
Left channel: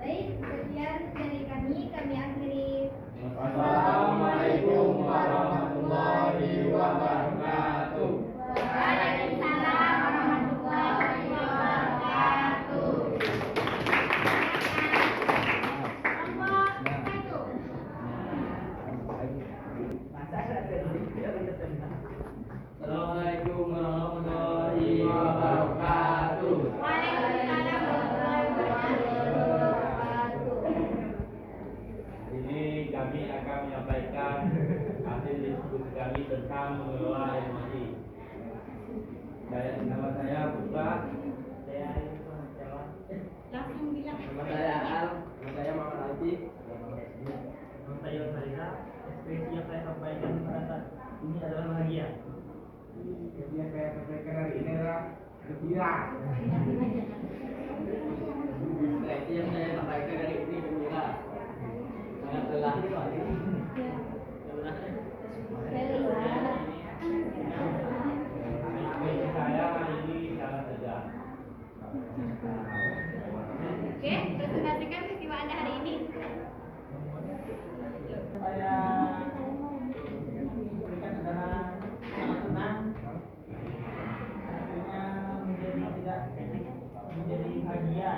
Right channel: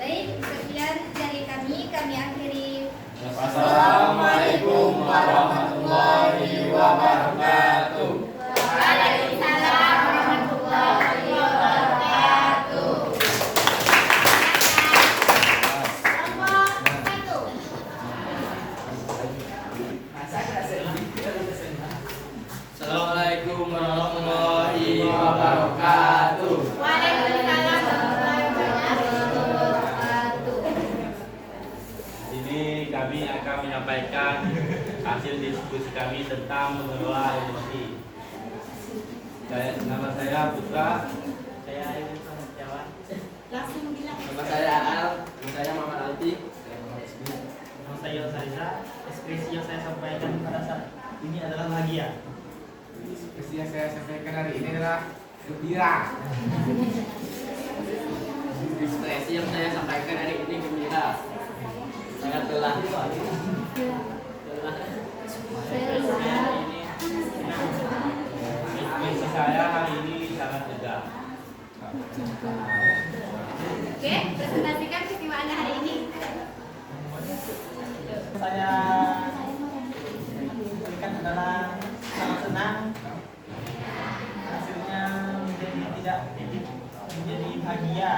Baik, sekian dari kami akhiri. Assalamualaikum warahmatullahi wabarakatuh. Waalaikumsalam warahmatullahi wabarakatuh. Kelompok 1. Assalamualaikum warahmatullahi wabarakatuh. Waalaikumsalam warahmatullahi wabarakatuh. Ini kami akan menyampaikan hasil diskusi kami tentang mengelola emosi. Nama saya Putra. Saya Ayu Setiawan. Langsung bilang. Nama saya Al. Nama saya Muhammad Alti. Nama saya Sarisa. Ekspresi yang saya sampaikan pada saat ini adalah bahagia. Ekspresi yang saya sampaikan hari ini adalah gembira. Ekspresi yang saya sampaikan hari ini gembira. Sangat lelah. Ekspresi saya hari ini sangat lega. Oke, presentasikan peristiwa Anda hari ini. Saya berikan adalah sangat senang. Hasilnya menjadi bahagia.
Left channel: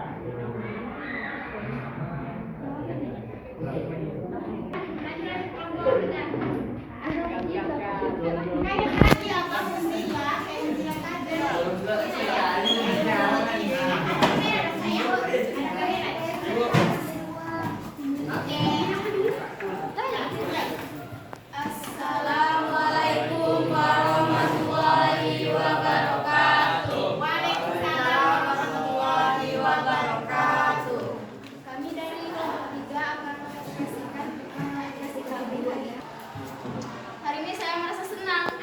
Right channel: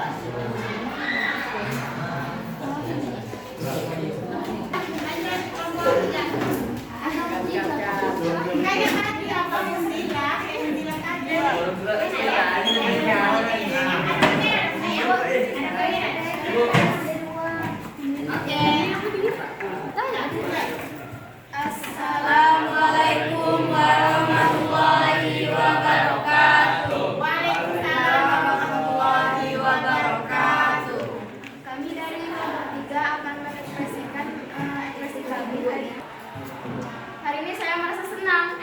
Kayak tadi apa mesti ya, kayak bilang aja. Assalamualaikum warahmatullahi wabarakatuh. Waalaikumsalam warahmatullahi wabarakatuh. Kami dari kelompok 3 akan mengekspresikan ekspresi kami hari ini. Hari ini saya merasa senang.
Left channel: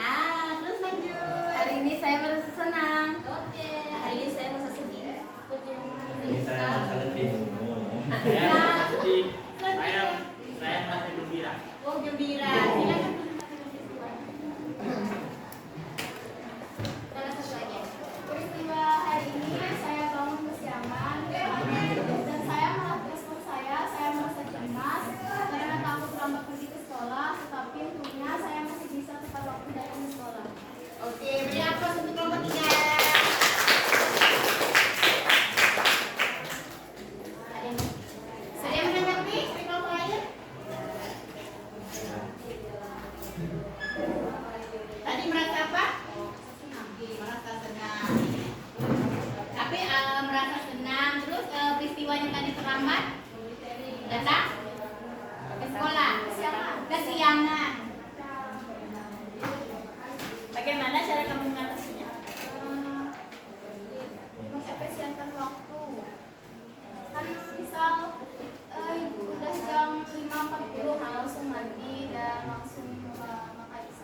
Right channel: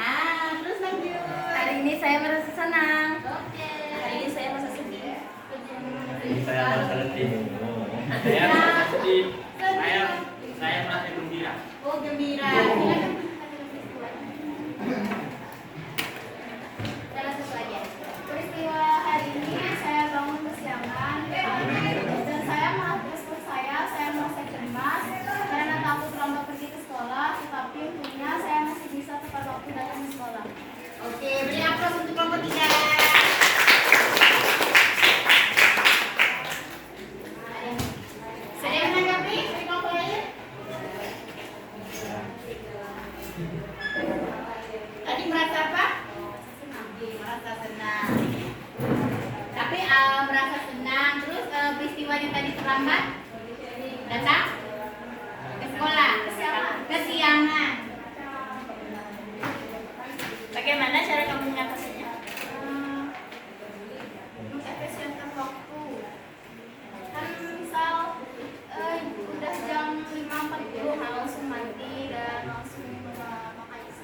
Terus lanjut. Hari ini saya merasa senang. Oke. Hari ini saya merasa sedih. Ini saya merasa letih. Saya merasa sedih. Saya merasa gembira. Oh, gembira. Silakan. Dan satu lagi. Peristiwa hari ini saya bangun kesiangan dan saya merespon saya merasa cemas karena takut terlambat pergi ke sekolah, tetapi untungnya saya masih bisa tepat waktu datang ke sekolah. Oke, beri aplaus untuk kelompok 3. Saya menanggapi dari kelompok lain. Tadi merasa apa? Merasa senang. Tapi merasa senang. Terus peristiwanya tadi terlambat datang ke sekolah. Kesiangan. Bagaimana cara kamu mengatasinya? Mengefisienkan waktu. Kan misal udah jam 5.40 langsung mandi dan langsung makan lagi.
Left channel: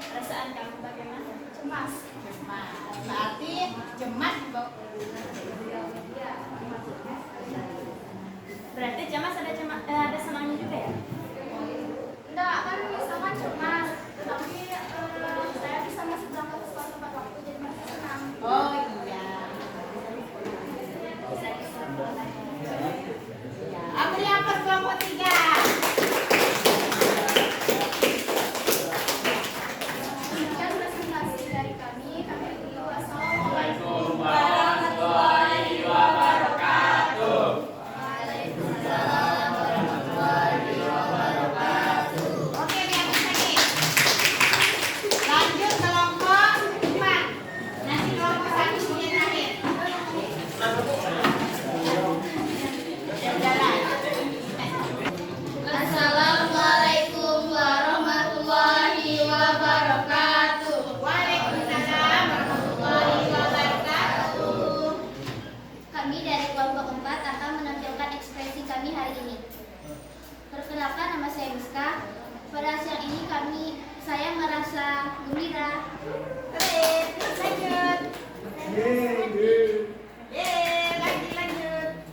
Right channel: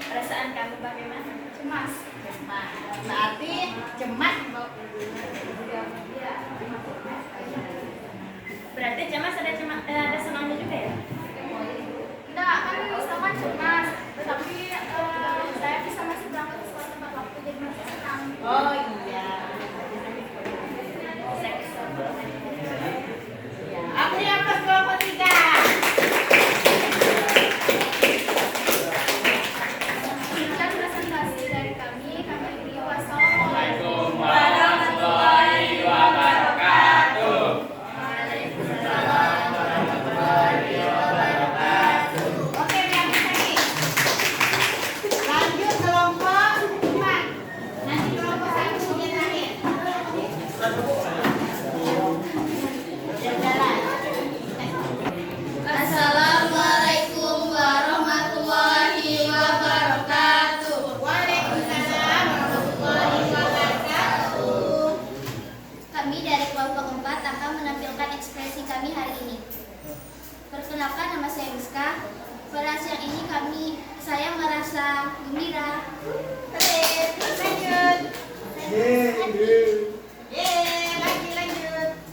Perasaan kamu bagaimana? Cemas. Nah, berarti cemas. Berarti cemas ada senangnya juga ya? Enggak, kan misalkan cemas, tetapi saya bisa masih berangkat ke sekolah tepat waktu jadi masih senang. Oh iya. Beri aplaus kelompok 3. Sekian presentasi dari kami beri wassalamualaikum. kami dari kelompok 4 akan menampilkan ekspresi kami hari ini. Perkenalkan, nama saya Miska. Pada siang ini saya merasa gembira. Keren, terus lanjut. Lanjut.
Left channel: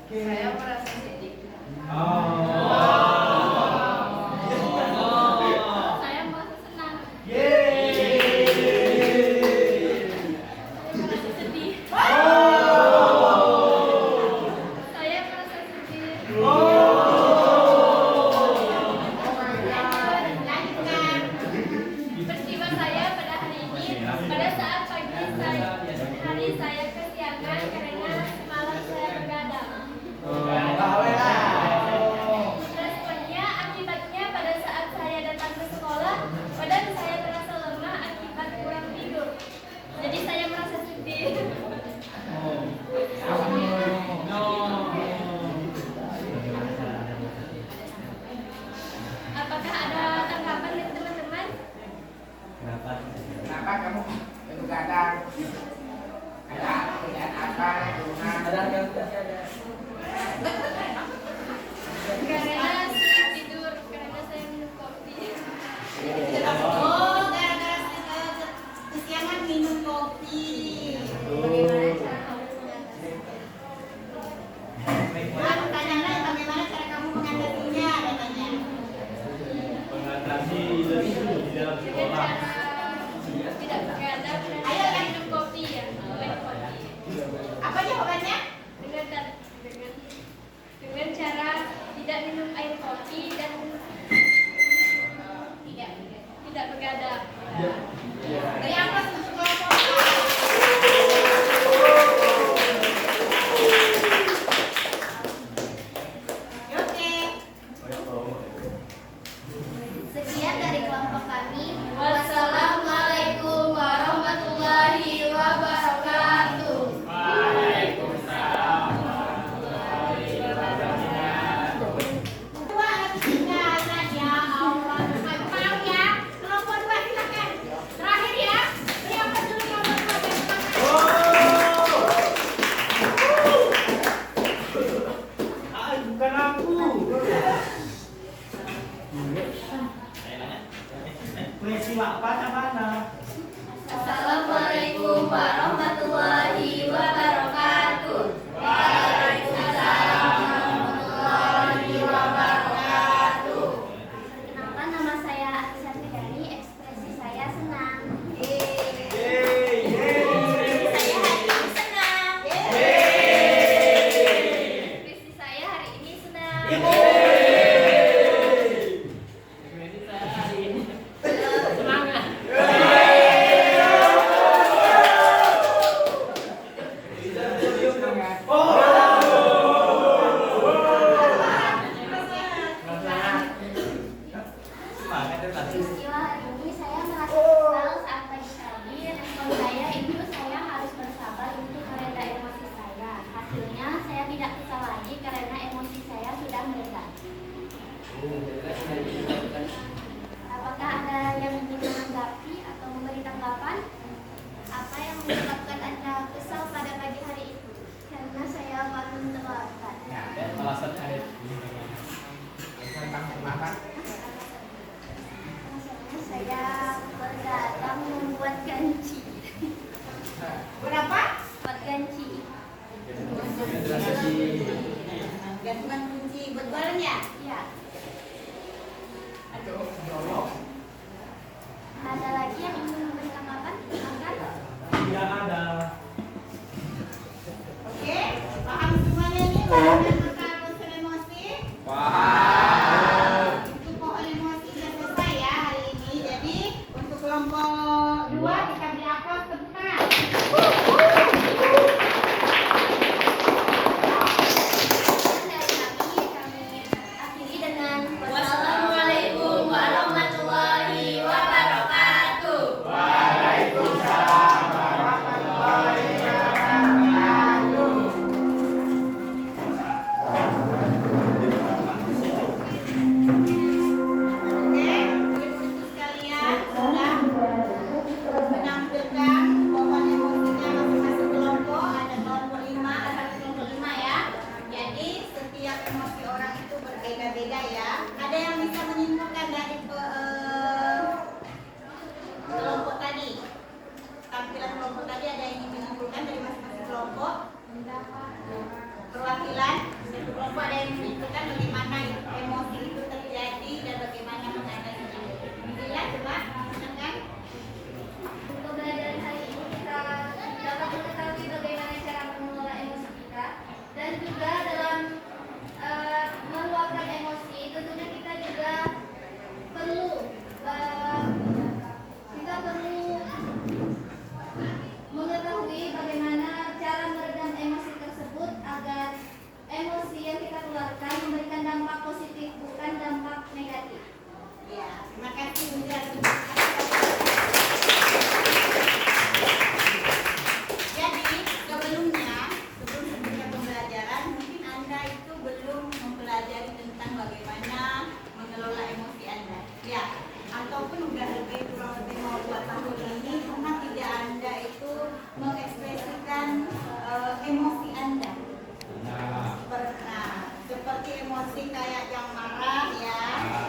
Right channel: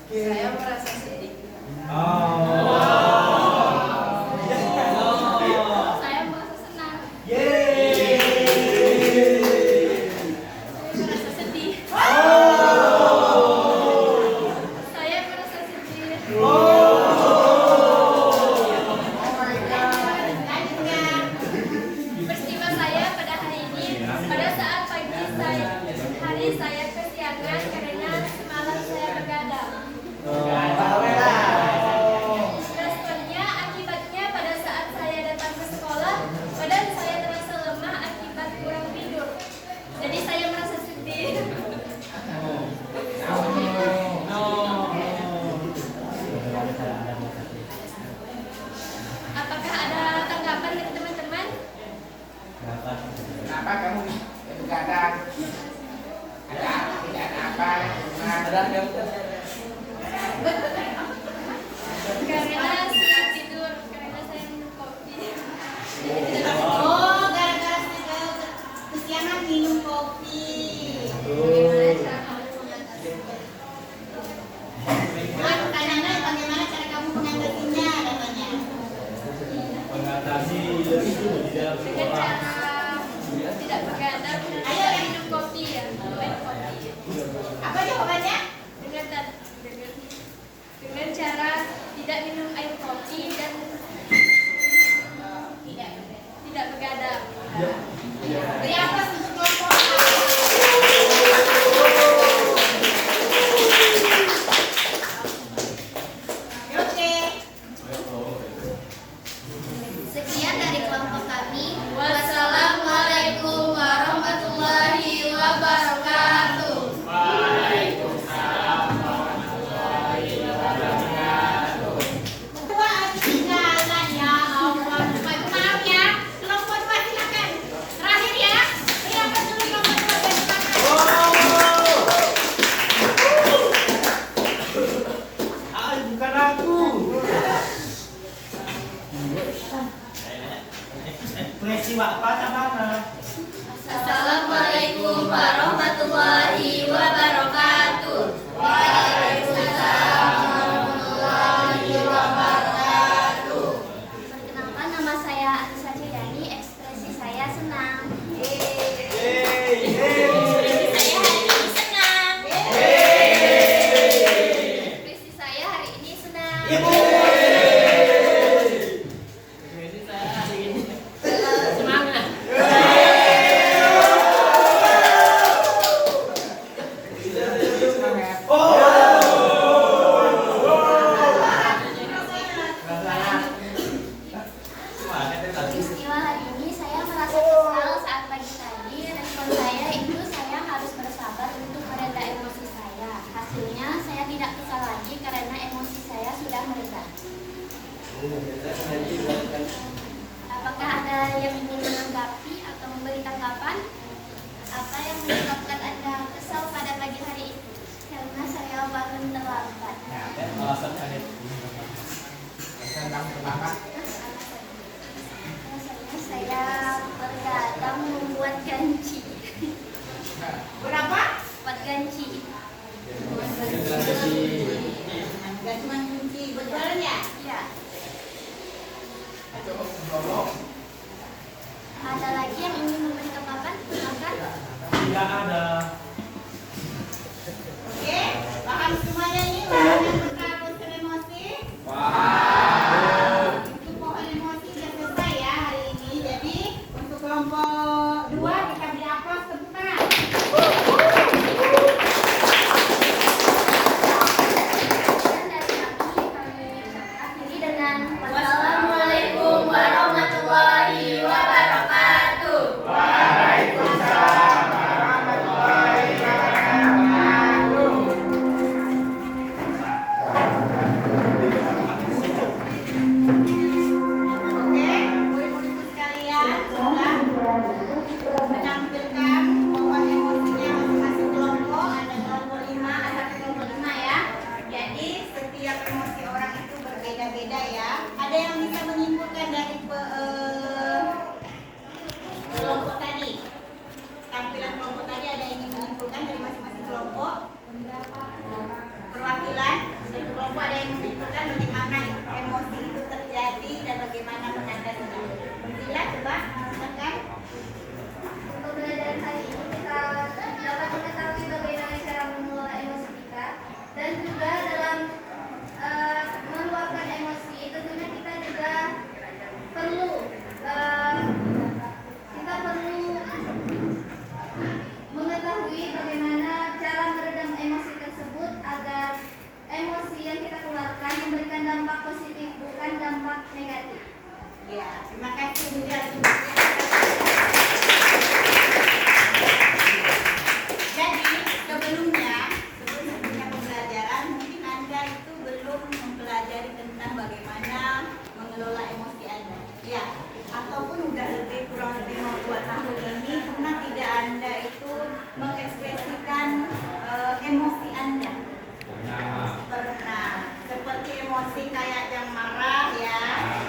Saya merasa sedih. Saya merasa senang. Saya merasa sedih. Saya merasa sedih. Peristiwa saya pada hari ini, pada saat pagi saya kesiangan karena semalam saya begadang. Responnya akibatnya pada saat saya datang ke sekolah, badan saya terasa lemah akibat kurang tidur. Jadi saya merasa sedih. Apakah ada tanggapan dari teman-teman? Kenapa kamu begadang? Ada kerjaan apa? Karena saya tidur, karena saya minum kopi. Oh, gara-gara kesiangan minum kopi. Bagaimana cara kamu mengatasinya? Pertanyaannya bagaimana cara kamu mengatasinya katanya. Mengatasi lesu di dalam Dengan sekolah. cara tidak begadang dan tidak minum kopi ya. Baik kopi. Apa jawabannya? Dengan cara tidak minum air kopi dan tidak begadang. Beri aplaus untuk kelompok A. Oke. Sekian dari kelompok kami. Wassalamualaikum warahmatullahi wabarakatuh. Dua tinggalan ya Allah. Bukan maaf ya. Kelompok 2 silakan. Terakhir ya. Beri aplaus dulu kelompok 2 dari depan. Bukan aku. Ekspresi Bapak mana? Assalamualaikum warahmatullahi wabarakatuh. Waalaikumsalam warahmatullahi wabarakatuh. Perkenalkan, nama saya Atisa Ciryani. Ekspresi saya senang. Ekspresi saya hari ini senang. Ekspresi saya hari ini senang. Ekspresi saya hari ini semangat. Peristiwa hari ini saya merasa kesal saat pagi tadi. Respon saya itu saya harus bersabar untuk mereda emosi saya. Hasilnya saya tidak kesal lagi karena emosi saya sudah mereda. Apakah ada yang ingin menanggapi atau memberi tanggapan? Apa yang menyebabkan Anda kesal pada pagi hari itu? Karena saya bangun terlambat. Alasan ada. Alasannya saya bergadang membuat ganci. Berapa? Buat ganci. Gantungan kunci berjalan ya? Ya. perwakilan satu kelompok ada yang menunjukkan bagaimana emosi itu terjadi dan bagaimana mengatasinya. Bila coba silakan. Untuk pembelajaran hari ini kita dapat mengetahui bagaimana cara mengelola emosi kita dan juga dalam meluapkan emosi tentunya kita juga perlu mengetahui bagaimana cara meredam emosi tersebut agar emosi yang kita keluarkan memberikan dampak positif bukan dampak negatif. Ya, terima kasih Bunda. Jadi sebelumnya pembelajaran mungkin Anda itu belum mempelajari tentang bagaimana mengelola emosi Anda. Ya, ataupun udah kurang lebih mau 2 tahun ini karena tidak Anda itu mengekspresikan emosi Anda. Nah, seperti emosi kayak yang marah ya,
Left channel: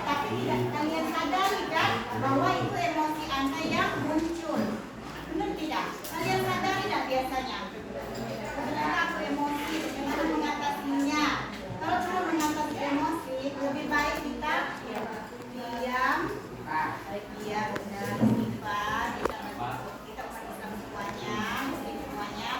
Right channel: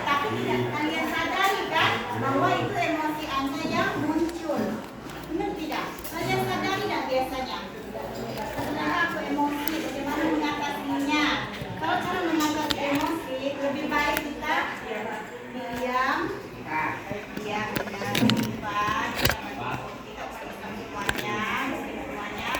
tapi tidak kalian sadari kan bahwa itu emosi Anda yang muncul. Benar tidak? Kalian sadari tidak biasanya? Ternyata aku emosi, bagaimana mengatasinya? Kalau cara mengatasi emosi lebih baik kita diam, benar, simpan, kita periksa semuanya.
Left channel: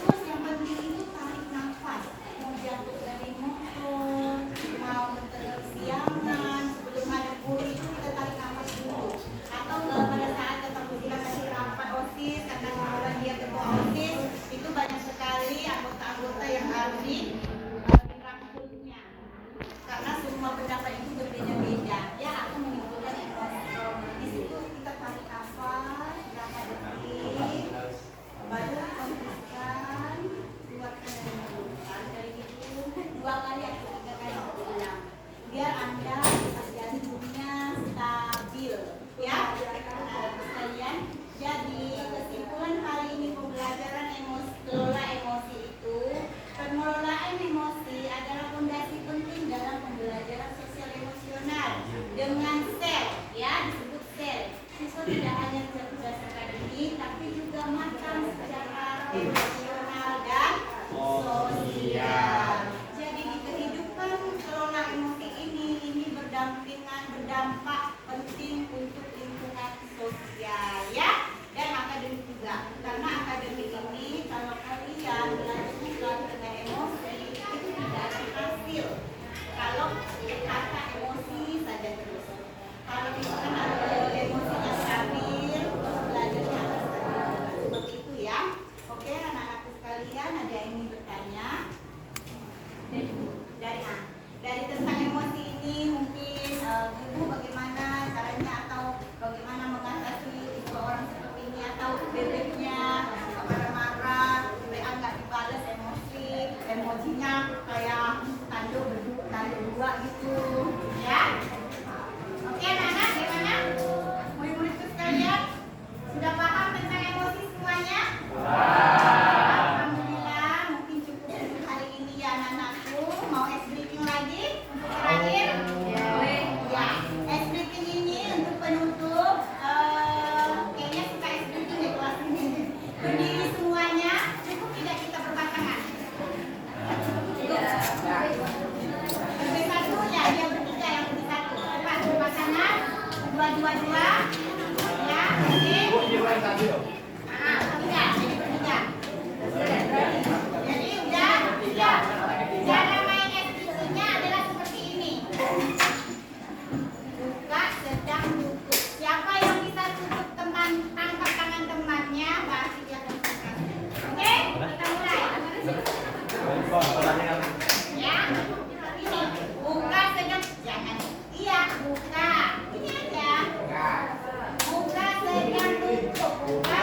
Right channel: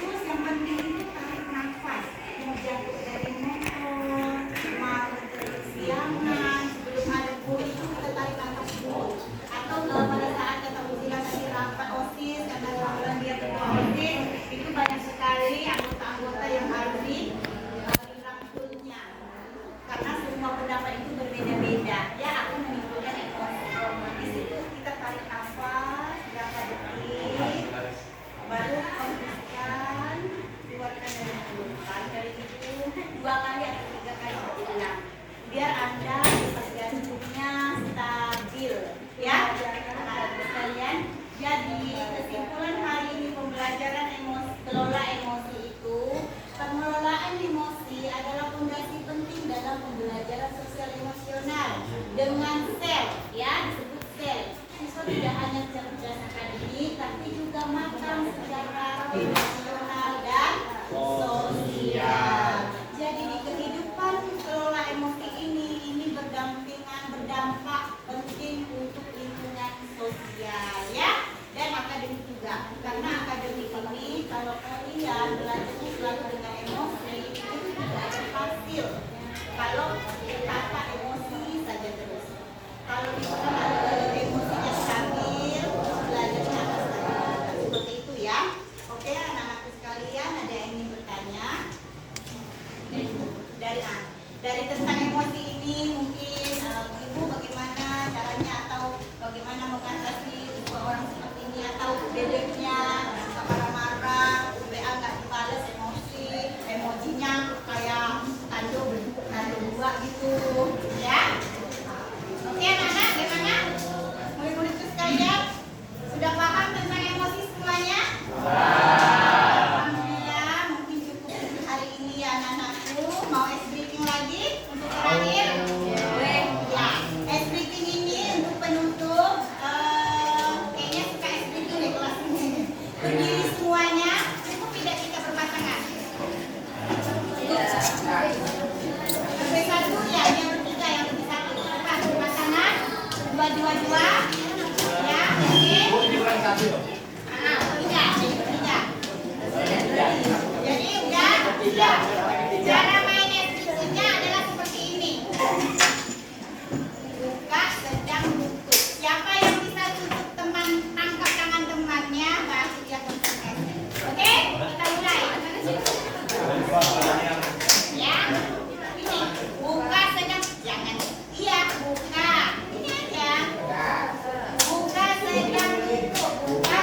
Terus yang penting itu tarik nafas. Mau jatuh dari motor, mau kesiangan, sebelum ada bui itu kita tarik nafas dulu. Atau pada saat ketemu bilang kasih rapat OSIS, karena kebetulan dia ketua OSIS, itu banyak sekali anggota-anggota yang harus dirangkulnya. Karena semua pendapat itu berbeda-beda. Ya, akan menimbulkan emosi. Di situ kita tarik nafas, berapa detik, baru hembuskan, keluarkan dari mulut. Dari itu 2 kali atau 3 kali berulang. Biar Anda jantungnya stabil, ya. Nah, sekalian. Jadi kesimpulan hari ini pembelajaran emosi, kelola emosi itu, pengelolaan emosi adalah fondasi penting dalam pembelajaran sosial emosional dengan sel, ya disebut sel. Siswa tidak hanya cerdas akademik, tapi juga matang secara emosional dan sosial. Jadi di kehidupan kelola emosi ini berdampak penting untuk lingkungan sosial, ya, dan akademik juga. Karena akademik ini kalau kalian belajar selalu dengan emosi itu tidak ada hasil. Kalau kata emosi saja terus. Kalau misalkan emosinya stabil, belajarnya akan stabil. Seperti itu ya. Oke anak-anakku sekalian, ada yang ingin bertanya? Dari tentang emosi ini mungkin Ibu bagaimana caranya atau bagaimana mengatasi seseorang seperti ini atau bebeknya marah-marah, WA nggak dibalas emojinya kayak tanda dua gitu ya. Oke anak-anak, gimana? Murid-muridku sekalian sudah paham tentang emosi semuanya? Alhamdulillah, mungkin cukup untuk hari ini ya anak-anakku. Mau ice breaking lagi untuk terakhir? Ya, ice breaking ini untuk penutup. Kayaknya suka ice breaking deh kelas ini. Berdiri semuanya, cukup tidak kita berpasangan? Berdiri satu, ya yang bertiga, yang berdiri satu. Cepat berpasangan, dua. Ya, oke. Jadi udah. Cara mainnya berikutnya adalah seperti ini. Buka, sedang, tutup. Siapa yang bisa tutup tangkap tangan temannya, baru dia konsentrasi. Oke, kita mulai. Ya, ini buka, sedang, jangan. Iya, buka. Ini aja. Buka, sedang, tutup. Buka,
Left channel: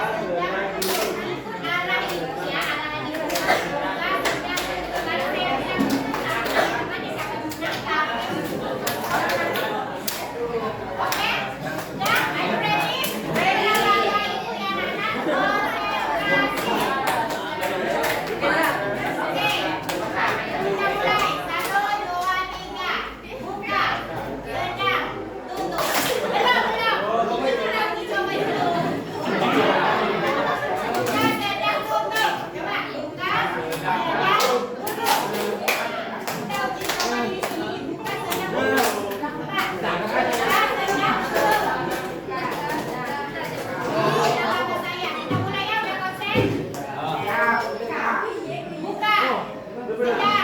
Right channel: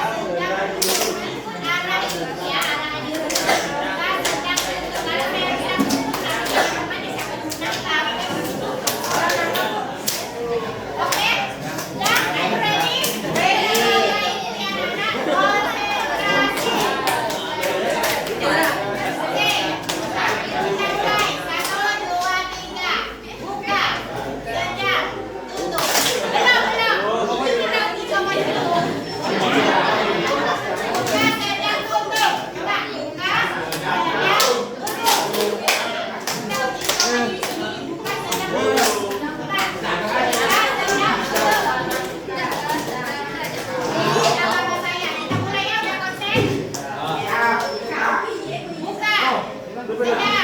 Sehat.